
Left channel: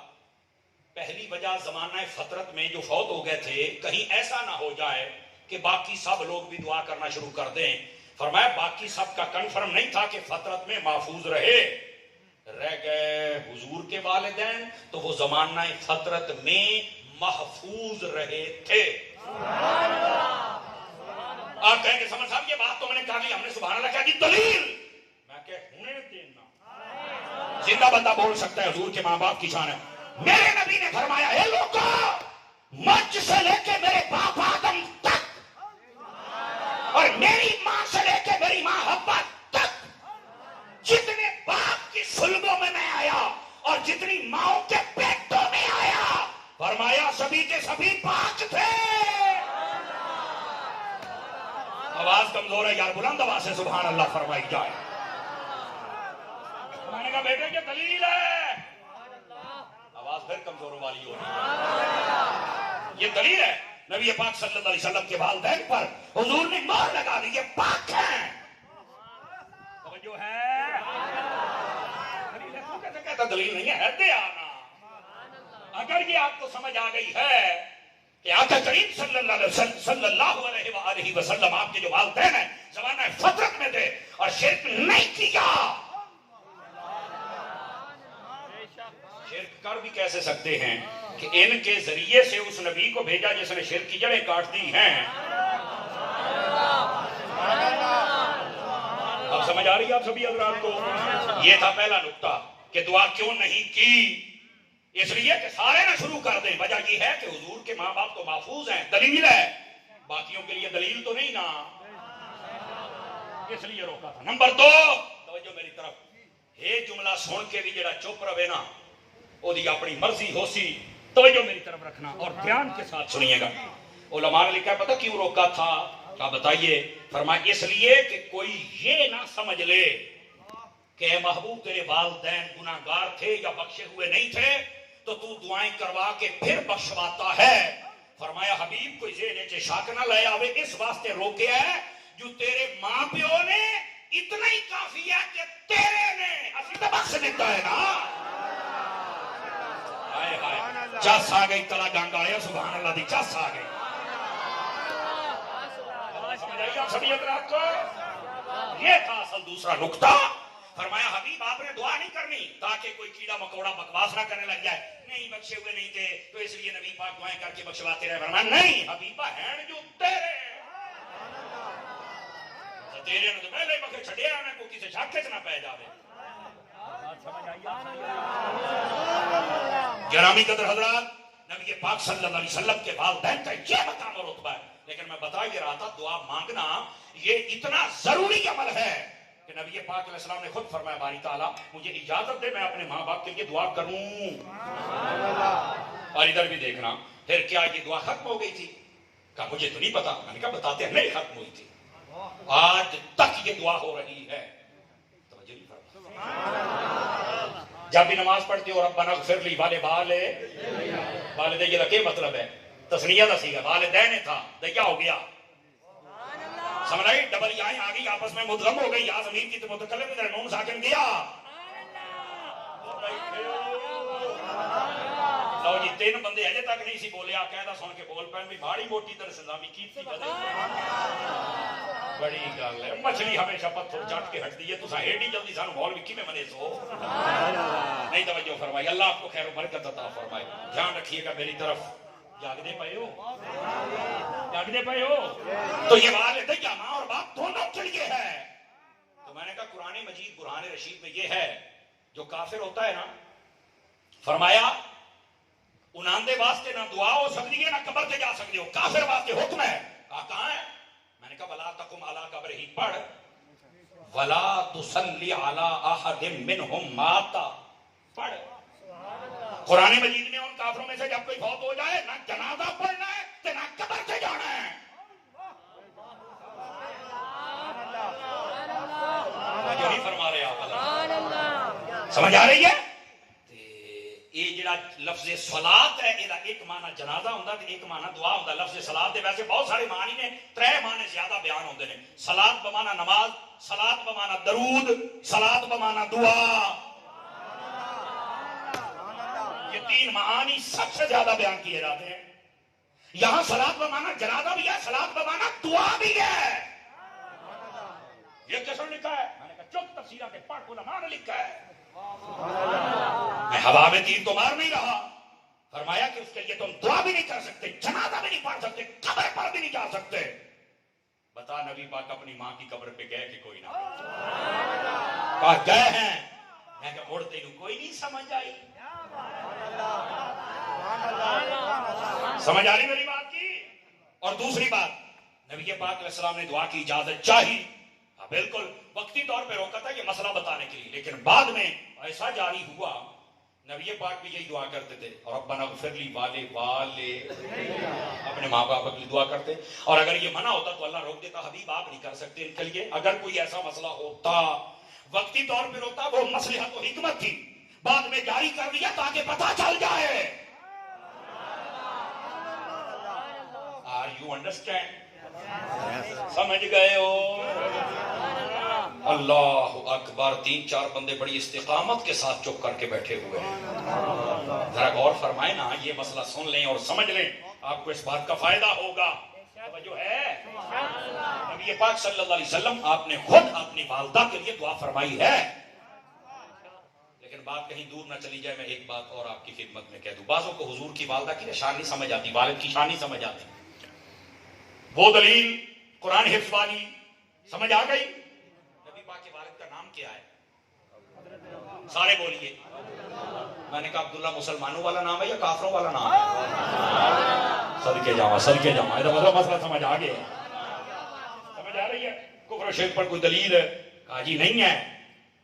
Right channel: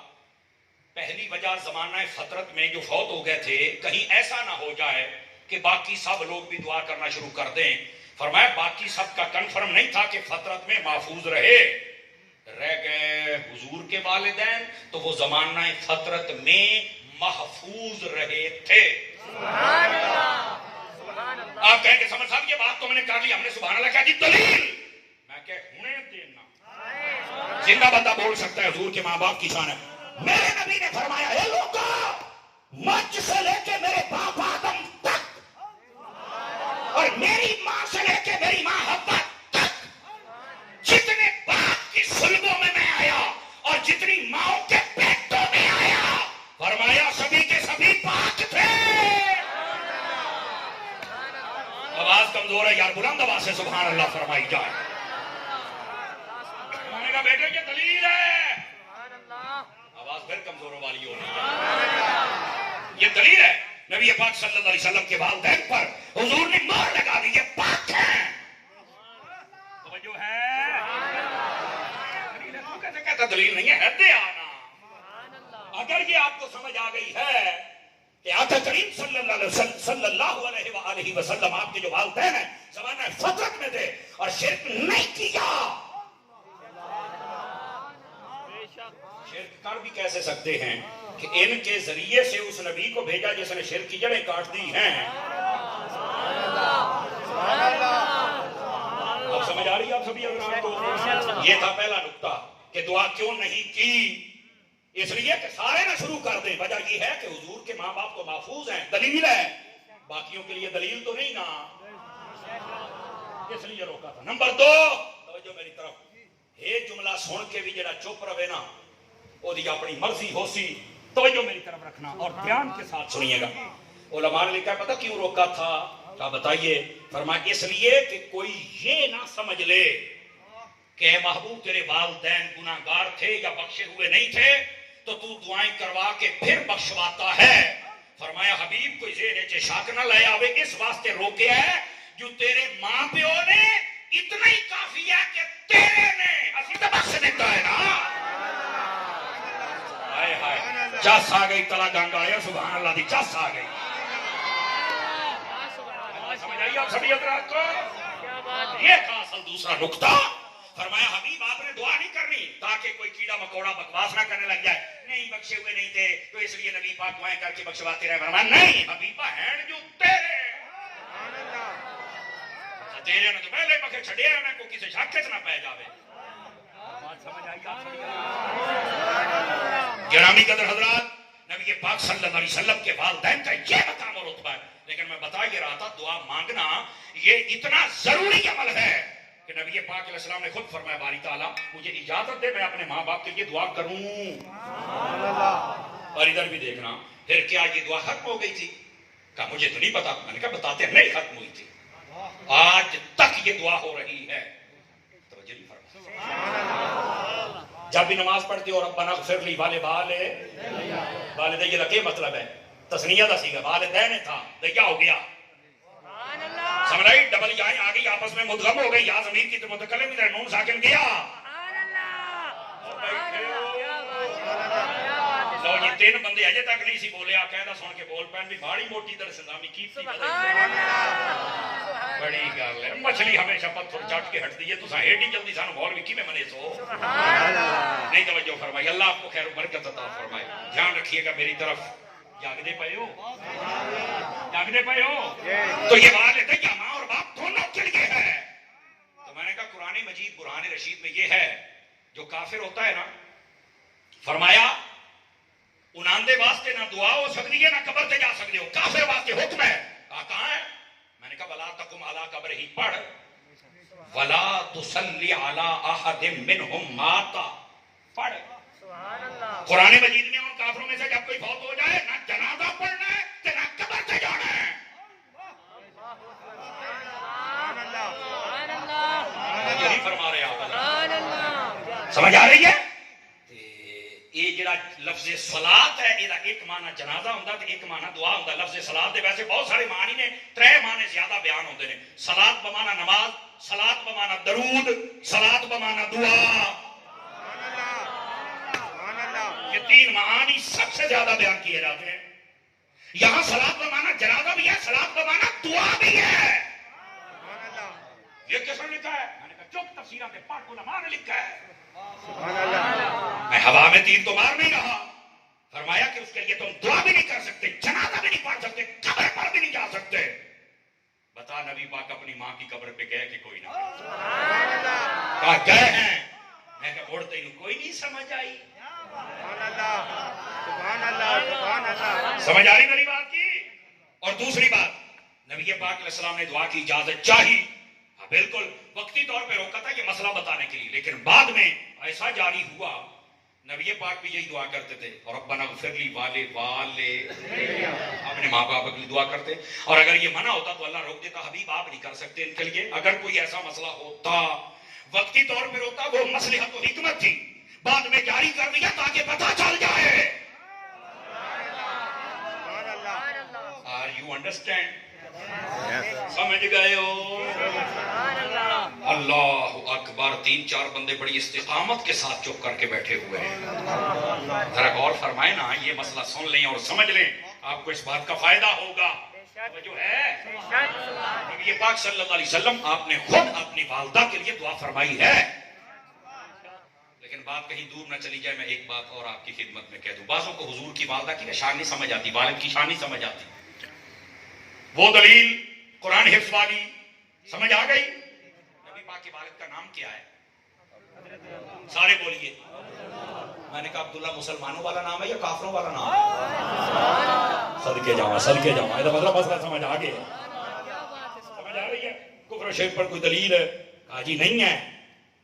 پہلی وجہ زمانہ فطرت میں جو فوت ہو گئے تھے کہیں ایسا نہ ہو جائے کہ باقی سب لوگ بھی دعا کرنا شروع کر دیں. فرمایا باقی سب کا کنفرم نہیں تھا کہ فطرت میں محفوظ رہ گئے حضور کے والدین تو وہ زمانہ فطرت میں محفوظ رہے تھے. آپ کہیں کہ سمجھ صاحب یہ بات تو میں نے کر لی ہم نے سبحان اللہ کہا جی دلیل. میں کہ ہونے دینا زندہ بندہ بول سکتا ہے حضور کے ماں باپ کی شان ہے. میرے نبی نے فرمایا اے لوگوں مجھ سے لے کے میرے باپ آدم سے آواز کمزور ہے یار، بلند آواز سے سبحان اللہ فرمائی جائے۔ میں نے کہا بیٹے یہ دلیل ہے، آواز پھر کمزوروں والی ہو رہی ہے، یہ دلیل ہے۔ نبی پاک صلی اللہ علیہ وسلم کے والدین پر حضور نے مہر لگا دی، یہ پاک ہیں، توجہ ہے، دلیل ہے۔ تو کیسے کہتا دلیل نہیں ہے، دے آنا۔ اگر یہ آپ کو سمجھ آ گئی ہے کہ آقا کریم صلی اللہ علیہ وسلم آپ کے جو والدین ہیں زمانہ فترت میں تھے اور شرک نہیں کیا، شرک کر بھی کیسے سکتے ہیں کہ ان کے ذریعے سے اس نبی کو بھیجا جس نے شرک کی جڑیں کاٹ دی ہیں۔ اب سمجھ آ رہی ہے آپ سبھی حضرات کو؟ یہ تھا پہلا نقطہ کہ دعا کیوں نہیں کی، اس لیے کہ سارے نہ شروع کر دیں۔ وجہ یہ ہے کہ حضور کے ماں باپ تو محفوظ ہیں، دلیل ہے، باقیوں کے لیے دلیل تو نہیں نا، اس لیے روکا تھا۔ نمبر 2، توجہ میری طرف، یہ جملہ سن کے بھی جڑا چپ رہے نا وہ دی اپنی مرضی ہو سی، توجہ میری طرف رکھنا اور دھیان کے ساتھ سنیے گا۔ علماء نے لکھا ہے پتہ کیوں روکا تھا؟ کیا بتائیے؟ فرمایا اس لیے کہ کوئی یہ نہ سمجھ لے کہ اے محبوب تیرے والدین گناہگار تھے یا بخشے ہوئے نہیں تھے تو تو دعائیں کروا کے پھر بخشواتا ہے۔ فرمایا حبیب کوئی ذہن چ شک نہ لے آوے، اس واسطے روکے ہے جو تیرے ماں پیو نے اتنا ہی کافی ہے کہ تیرے نے اسی تو بخش دیتا ہے نا۔ ہائے ہائے، چس آ گئی، تلا گنگ آیا، سبحان اللہ دی چس آ گئی۔ سمجھ آئی آپ سبھی حضرات کو؟ یہ تھا اصل دوسرا نقطہ۔ فرمایا حبیب آپ نے دعا نہیں کرنی تاکہ کوئی کیڑا مکوڑا بکواس نہ کرنے لگ جائے، نہیں بخشے ہوئے نہیں تھے تو اس لیے نبی پاک دعائیں کر کے بخشواتے رہے۔ فرمایا نہیں حبیبہ ہیں جو تیرے تیرے نے تو پہلے بخشے چھڑیا ہے، میں کو کسی شاکے سے نہ پہ جاوے۔ بات سمجھ آئی آپ سبھی حضرات؟ گرامی قدر حضرات، نبی پاک صلی اللہ علیہ وسلم کے والدین کا یہ مقام اور رتبہ ہے، لیکن میں بتا یہ رہا تھا دعا مانگنا یہ اتنا ضروری عمل ہے کہ نبی پاک علیہ السلام نے خود فرمایا باری تعالیٰ مجھے اجازت دے میں اپنے ماں باپ کے لیے دعا کروں۔ اور ادھر بھی دیکھنا پھر کیا یہ دعا ختم ہو گئی تھی؟ کہا مجھے تو نہیں پتا۔ میں نے کہا بتاتے ہیں نہیں ختم ہوئی تھی، آج تک یہ دعا ہو رہی ہے۔ توجہ نہیں فرمایا؟ جب بھی نماز پڑھتے ہو ربنا اغفر لی والدین، یہ رکھے مطلب ہے تسنیہ دا سیگا، والدین تھا تو کیا ہو گیا؟ سمجھ آئی؟ ڈبل یائیں آ گئی آپس میں مدغم ہو گئی، یا ضمیر کی متکلم ادھر نون ساکن گیا۔ لو جی 3 بندے اجے تک نہیں سی بولے، آقاعدہ سن کے بول پین بھی بھاڑی موٹی در سلامی کی تھی۔ بڑی گل ہے، مچھلی ہمیشہ پتھر چٹ کے ہٹ دی ہے، تساں ایڈی جلدی سانو مولوی کیویں منے سو؟ نہیں توجہ فرمائی، اللہ آپ کو خیر و برکت عطا فرمائے۔ دھیان رکھیے گا میری طرف، جاگدے پئے ہو؟ جاگدے پئے ہو؟ تو یہ والد یا ماں اور باپ دونوں کے لیے ہے۔ تو میں نے کہا قرآن مجید برہان رشید میں یہ ہے جو کافر ہوتا ہے نا، فرمایا انہاں دے واسطے نہ دعا ہو سکتی ہے نہ قبر تے جا سکتے ہو، کافر واسطے حکم ہے۔ کہاں ہے؟ میں نے کہا ولا تقم علی قبرہ، پڑھ ولا تصلی علی احد منہم مات، پڑھ۔ قرآن مجید نے ان کافروں میں سے جب کوئی فوت ہو جائے نہ جنازہ پڑھنا ہے کہ نہ قبر سے جانا ہے۔ یہی فرما رہے آپ، سمجھ آ رہی ہے؟ یہ جڑا لفظ صلاۃ ہے یہ ایک معنی جنازہ ہوندا تے ایک معنی دعا ہوندا۔ لفظ صلاۃ دے ویسے بہت سارے معنی نے، 3 معنی زیادہ بیان ہوندے نے۔ صلاۃ بمعنی نماز، صلاۃ بمعنی درود، صلاۃ بمعنی دعا۔ یہ 3 معانی سب سے زیادہ بیان کیے جاتے ہیں۔ یہاں صلاۃ بمعنی جنازہ بھی ہے، صلاۃ بمعنی دعا بھی ہے۔ یہ کس نے لکھا ہے؟ میں نے کہا چپ، تفسیرات پاک علماء نے لکھا ہے۔ میں ہوا میں تیر تو مار نہیں رہا، فرمایا کہ اس کے لیے تم دعا بھی نہیں کر سکتے، جنازہ بھی نہیں پڑھ سکتے، قبر پر بھی نہیں جا سکتے۔ بتا نبی پاک اپنی ماں کی قبر پہ گئے کہ کوئی نہ؟ کہا گئے ہیں۔ میں کہا اڑتے ہوں کوئی نہیں سمجھ آئی؟ سمجھ آ رہی میری بات کی؟ اور دوسری بات، نبی پاک علیہ السلام نے دعا کی اجازت چاہی، بالکل وقتی طور پہ روکا تھا یہ مسئلہ بتانے کے لیے، لیکن بعد میں ایسا جاری ہوا نبی پاک بھی یہی دعا کرتے تھے، اور ربنا اغفر لی والے اپنے ماں باپ کی دعا کرتے. اور اگر یہ منع ہوتا تو اللہ روک دیتا، حبیب آپ نہیں کر سکتے ان کے لیے. اگر کوئی ایسا مسئلہ ہوتا وقتی طور پر ہوتا، وہ مصلحت و حکمت تھی، بعد میں جاری کر دیا تاکہ پتہ چل جائے. Are you understand? سمجھ گئے ہو؟ اللہ اکبر. 3-4 بندے بڑی استقامت کے ساتھ چپ کر کے بیٹھے ہوئے ہیں. ذرا غور فرمائے نا، یہ مسئلہ سن لیں اور سمجھ لیں، آپ کو اس بات کا فائدہ ہوگا. جو ہے نبی پاک صلی اللہ علیہ وسلم آپ نے خود اپنی والدہ کے لیے دعا فرمائی ہے. لیکن بات کہیں دور نہ چلی جائے، میں ایک بات اور آپ کی خدمت میں کہہ دوں. بعضوں کو حضور کی والدہ کی شان نہیں سمجھ آتی، والد کی شان نہیں سمجھ آتی. وہ دلیل قرآن حفظ والی سمجھ آ گئی. نبی پاک کے والد کا نام کیا ہے؟ سارے بولیے. میں نے کہا عبداللہ مسلمانوں والا نام ہے یا کافروں والا نام ہے؟ صدقے جاواں صدقے جاواں. مطلب مسئلہ سمجھ آ گیا؟ سمجھ آ رہی ہے؟ کفر و شرک پر کوئی دلیل ہے؟ کہا جی نہیں ہے.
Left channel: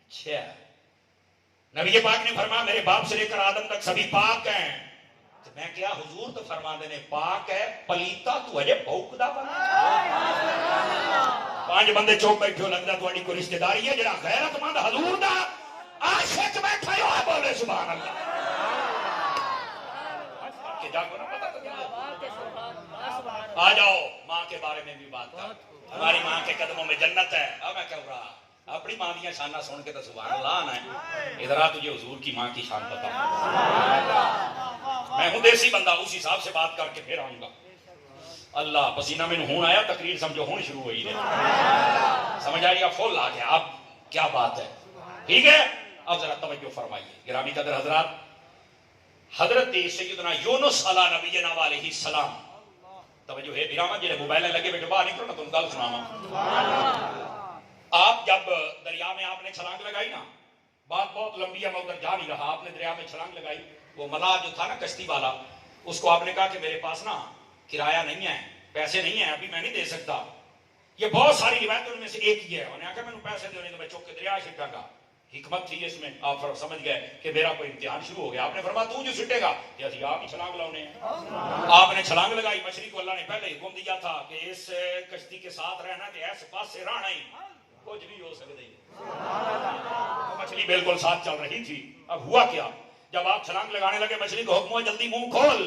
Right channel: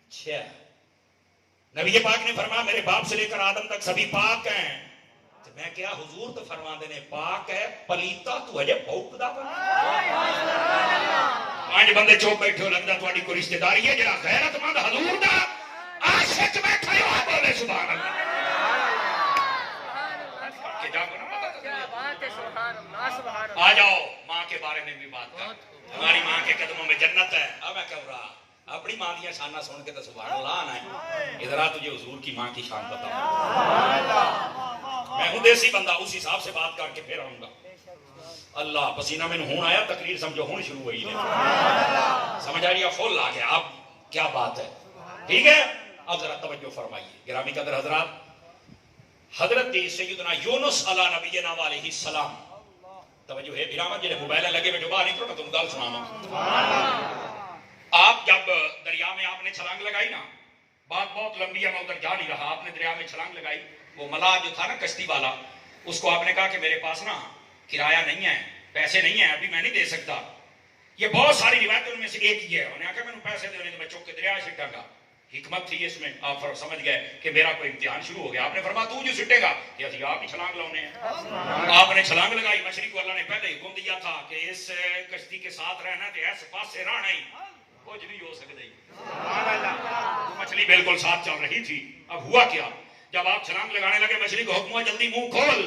اچھا، نبی پاک نے فرمایا میرے باپ سے لے کر آدم تک سبھی پاک ہیں. تو میں کیا حضور تو فرما دینے پاک ہے، پلیتا تو اجے بھوکدا بنا. 5 بندے چوک بیٹھے ہو، لگتا تھوڑی کوئی رشتہ داری ہے. جڑا غیرت مند حضور دا عاشق بیٹھا ہو، بولے سبحان اللہ. کہ جا کو نہ پتہ آ جاؤ. ماں کے بارے میں بھی بات کر. ہماری ماں کے قدموں میں جنت ہے. اب میں کہہ رہا اپنی ماں کی شانہ سن کے تو سبحان اللہ آنا ہے. ادھر آ تجھے حضور کی ماں کی شان بتا. میں ہوں دیسی بندہ، اس حساب سے بات کر کے پھر آؤں گا. اللہ پسینہ میں ہون آیا، تقریر سمجھو ہون شروع ہوئی ہے. سمجھ آئی؟ اب فل آ گیا. اب کیا بات ہے؟ ٹھیک ہے. اب ذرا توجہ فرمائیے گرامی قدر حضرات. حضرت سیدنا یونس علیہ نبینا علیہ السلام، توجہ ہے بیرامت جلے موبائلیں لگے بیٹھو باہر نکلو میں تم گل سنانا. آپ جب دریا میں آپ نے چھلانگ لگائی نا، بات بہت لمبی ہے، میں ادھر جا نہیں رہا. آپ نے دریا میں چھلانگ لگائی، وہ ملاح جو تھا نا کشتی والا، اس کو آپ نے کہا کہ میرے پاس نا کرایہ نہیں ہے، پیسے نہیں ہیں، ابھی میں نہیں دے سکتا. یہ بہت ساری روایتوں میں سے ایک ہی ہے. انہوں نے کہا میں پیسے دینے تو میں چوک کے دریا سٹا گا. حکمت تھی اس میں. آپ سمجھ گئے کہ میرا کوئی امتحان شروع ہو گیا. آپ نے فرمایا تو جو سٹے گا کہ اسی آپ ہی چھلانگ لاؤنے ہیں. آپ نے چھلانگ لگائی. مچھلی کو اللہ نے پہلے حکم دیا تھا کہ اس کشتی کے ساتھ رہنا تو ایسے پاس سے رہنا ہی، کچھ نہیں ہو سکتا. مچھلی بالکل ساتھ چل رہی تھی. اب ہوا کیا؟ جب آپ چھلانگ لگانے لگے مچھلی کو حکم ہوا جلدی منہ کھول.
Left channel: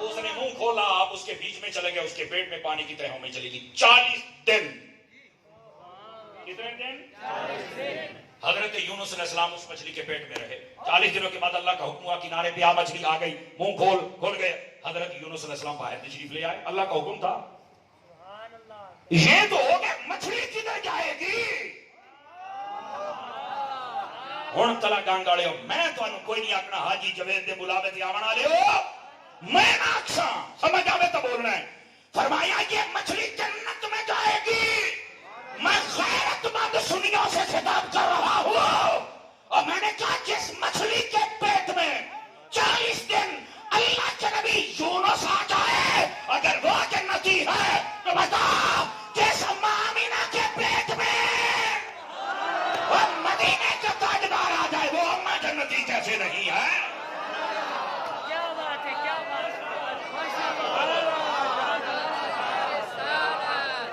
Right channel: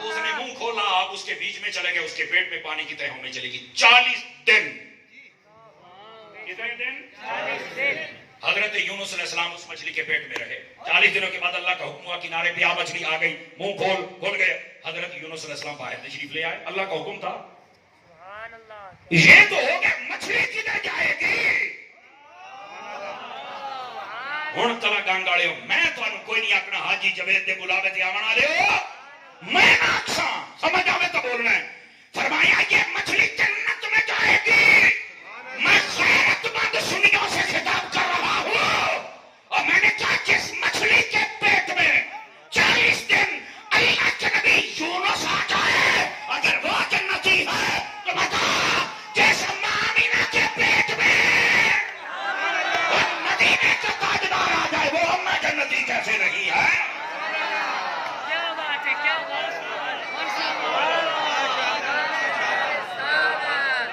اس نے منہ کھولا. آپ اس کے بیچ میں چلے گئے، اس کے پیٹ میں پانی کی طرح ہونے چلے گی. 40 دن. کتنے دن؟ حضرت یونس علیہ السلام اس مچھلی کے پیٹ میں رہے. 40 دنوں کے بعد اللہ کا حکم ہوا کنارے پہ آ. مچھلی آ گئی، منہ کھول گئے. حضرت یونس علیہ السلام باہر تشریف لے آئے. اللہ کا حکم تھا. یہ تو ہو گیا، مچھلی کدھر جائے گی؟ ہوں کلا گانگاڑے ہو. میں تو کوئی نہیں آکنا حاجی جوید دے بلاوے تے آون والے ہو. میں آکساں سمجھ آوے تو بولنا ہے. فرمایا یہ مچھلی جنت میں جائے گی. میں غیرت مند سنیوں سے خطاب کر رہا ہوں، اور میں نے کہا جس مچھلی کے پیٹ میں 40 دن اللہ کے نبی یونس آ جائے، اگر وہ جنتی ہے تو بتا جس مامینہ کے پیٹ میں اور مدینے کا تاجدار آ جائے، وہ امہ جنتی کیسے نہیں ہے؟ کیا بات ہے، کیا بات ہے.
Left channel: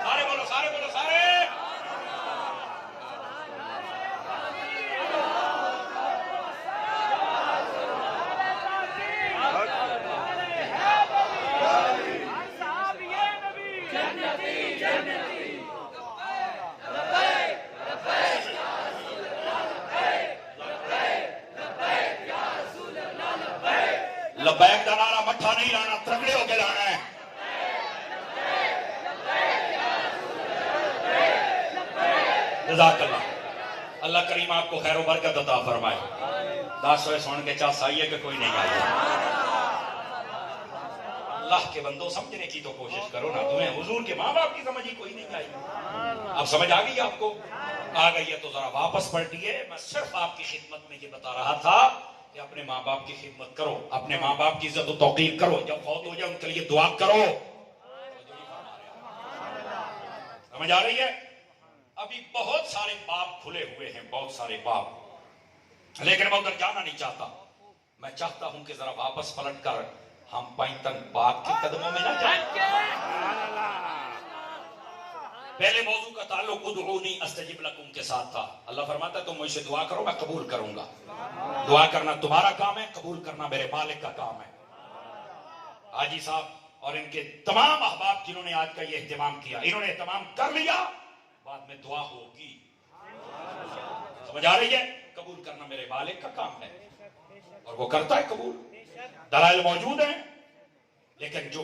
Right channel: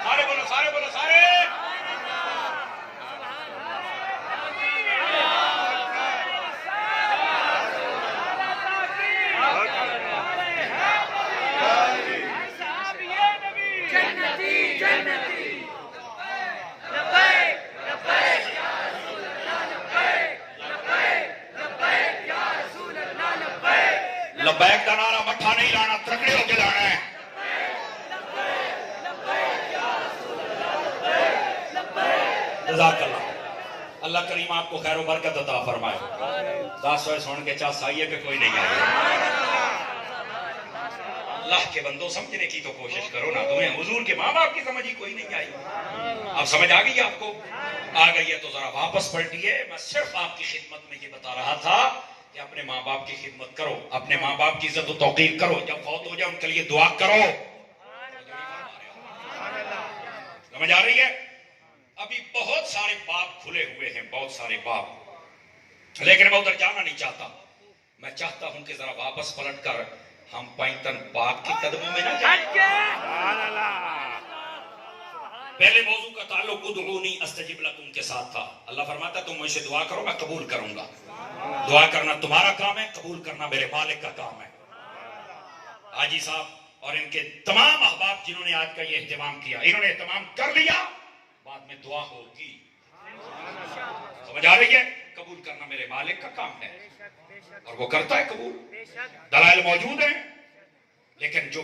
سارے بولو سارے بولو سارے. لبیک کا نعرہ مٹھا نہیں لانا، تکڑے ہو کے لانا ہے. جزاک اللہ. اللہ کریم آپ کو خیر و برکت عطا فرمائے. 10 ہوئے سن کے چاس آئیے کہ کوئی نہیں آئی. اللہ کے بندوں سمجھنے کی تو کوشش کرو نا. تمہیں حضور کے ماں باپ کی سمجھ ہی کوئی نہیں آئی. اب سمجھ آ گئی آپ کو؟ آ گئی ہے تو ذرا واپس پلٹیے. میں صرف آپ کی خدمت میں یہ بتا رہا تھا کہ اپنے ماں باپ کی خدمت کرو، اپنے ماں باپ کی عزت و توقیر کرو. جب فوت ہو جائے ان کے لیے دعا کرو. سمجھ آ رہی ہے؟ ابھی بہت سارے باب کھلے ہوئے ہیں، بہت سارے باب. لیکن میں ادھر جانا نہیں چاہتا. میں چاہتا ہوں کہ ذرا واپس پلٹ کر ہم پینتن پاک کی قدموں میں نہ جائیں. سبحان اللہ. پہلے موضوع کا تعلق ادعونی استجب لکم کے ساتھ تھا. اللہ فرماتا ہے تم مجھ سے دعا کرو میں قبول کروں گا. دعا کرنا تمہارا کام ہے، قبول کرنا میرے مالک کا کام ہے. حاجی صاحب اور ان کے تمام احباب جنہوں نے آج کا یہ اہتمام کیا، انہوں نے اہتمام کر لیا، بعد میں دعا ہوگی. سمجھ آ رہی ہے؟ قبول کرنا میرے مالک کا کام ہے اور وہ کرتا ہے قبول. دلائل موجود ہیں، لیکن جو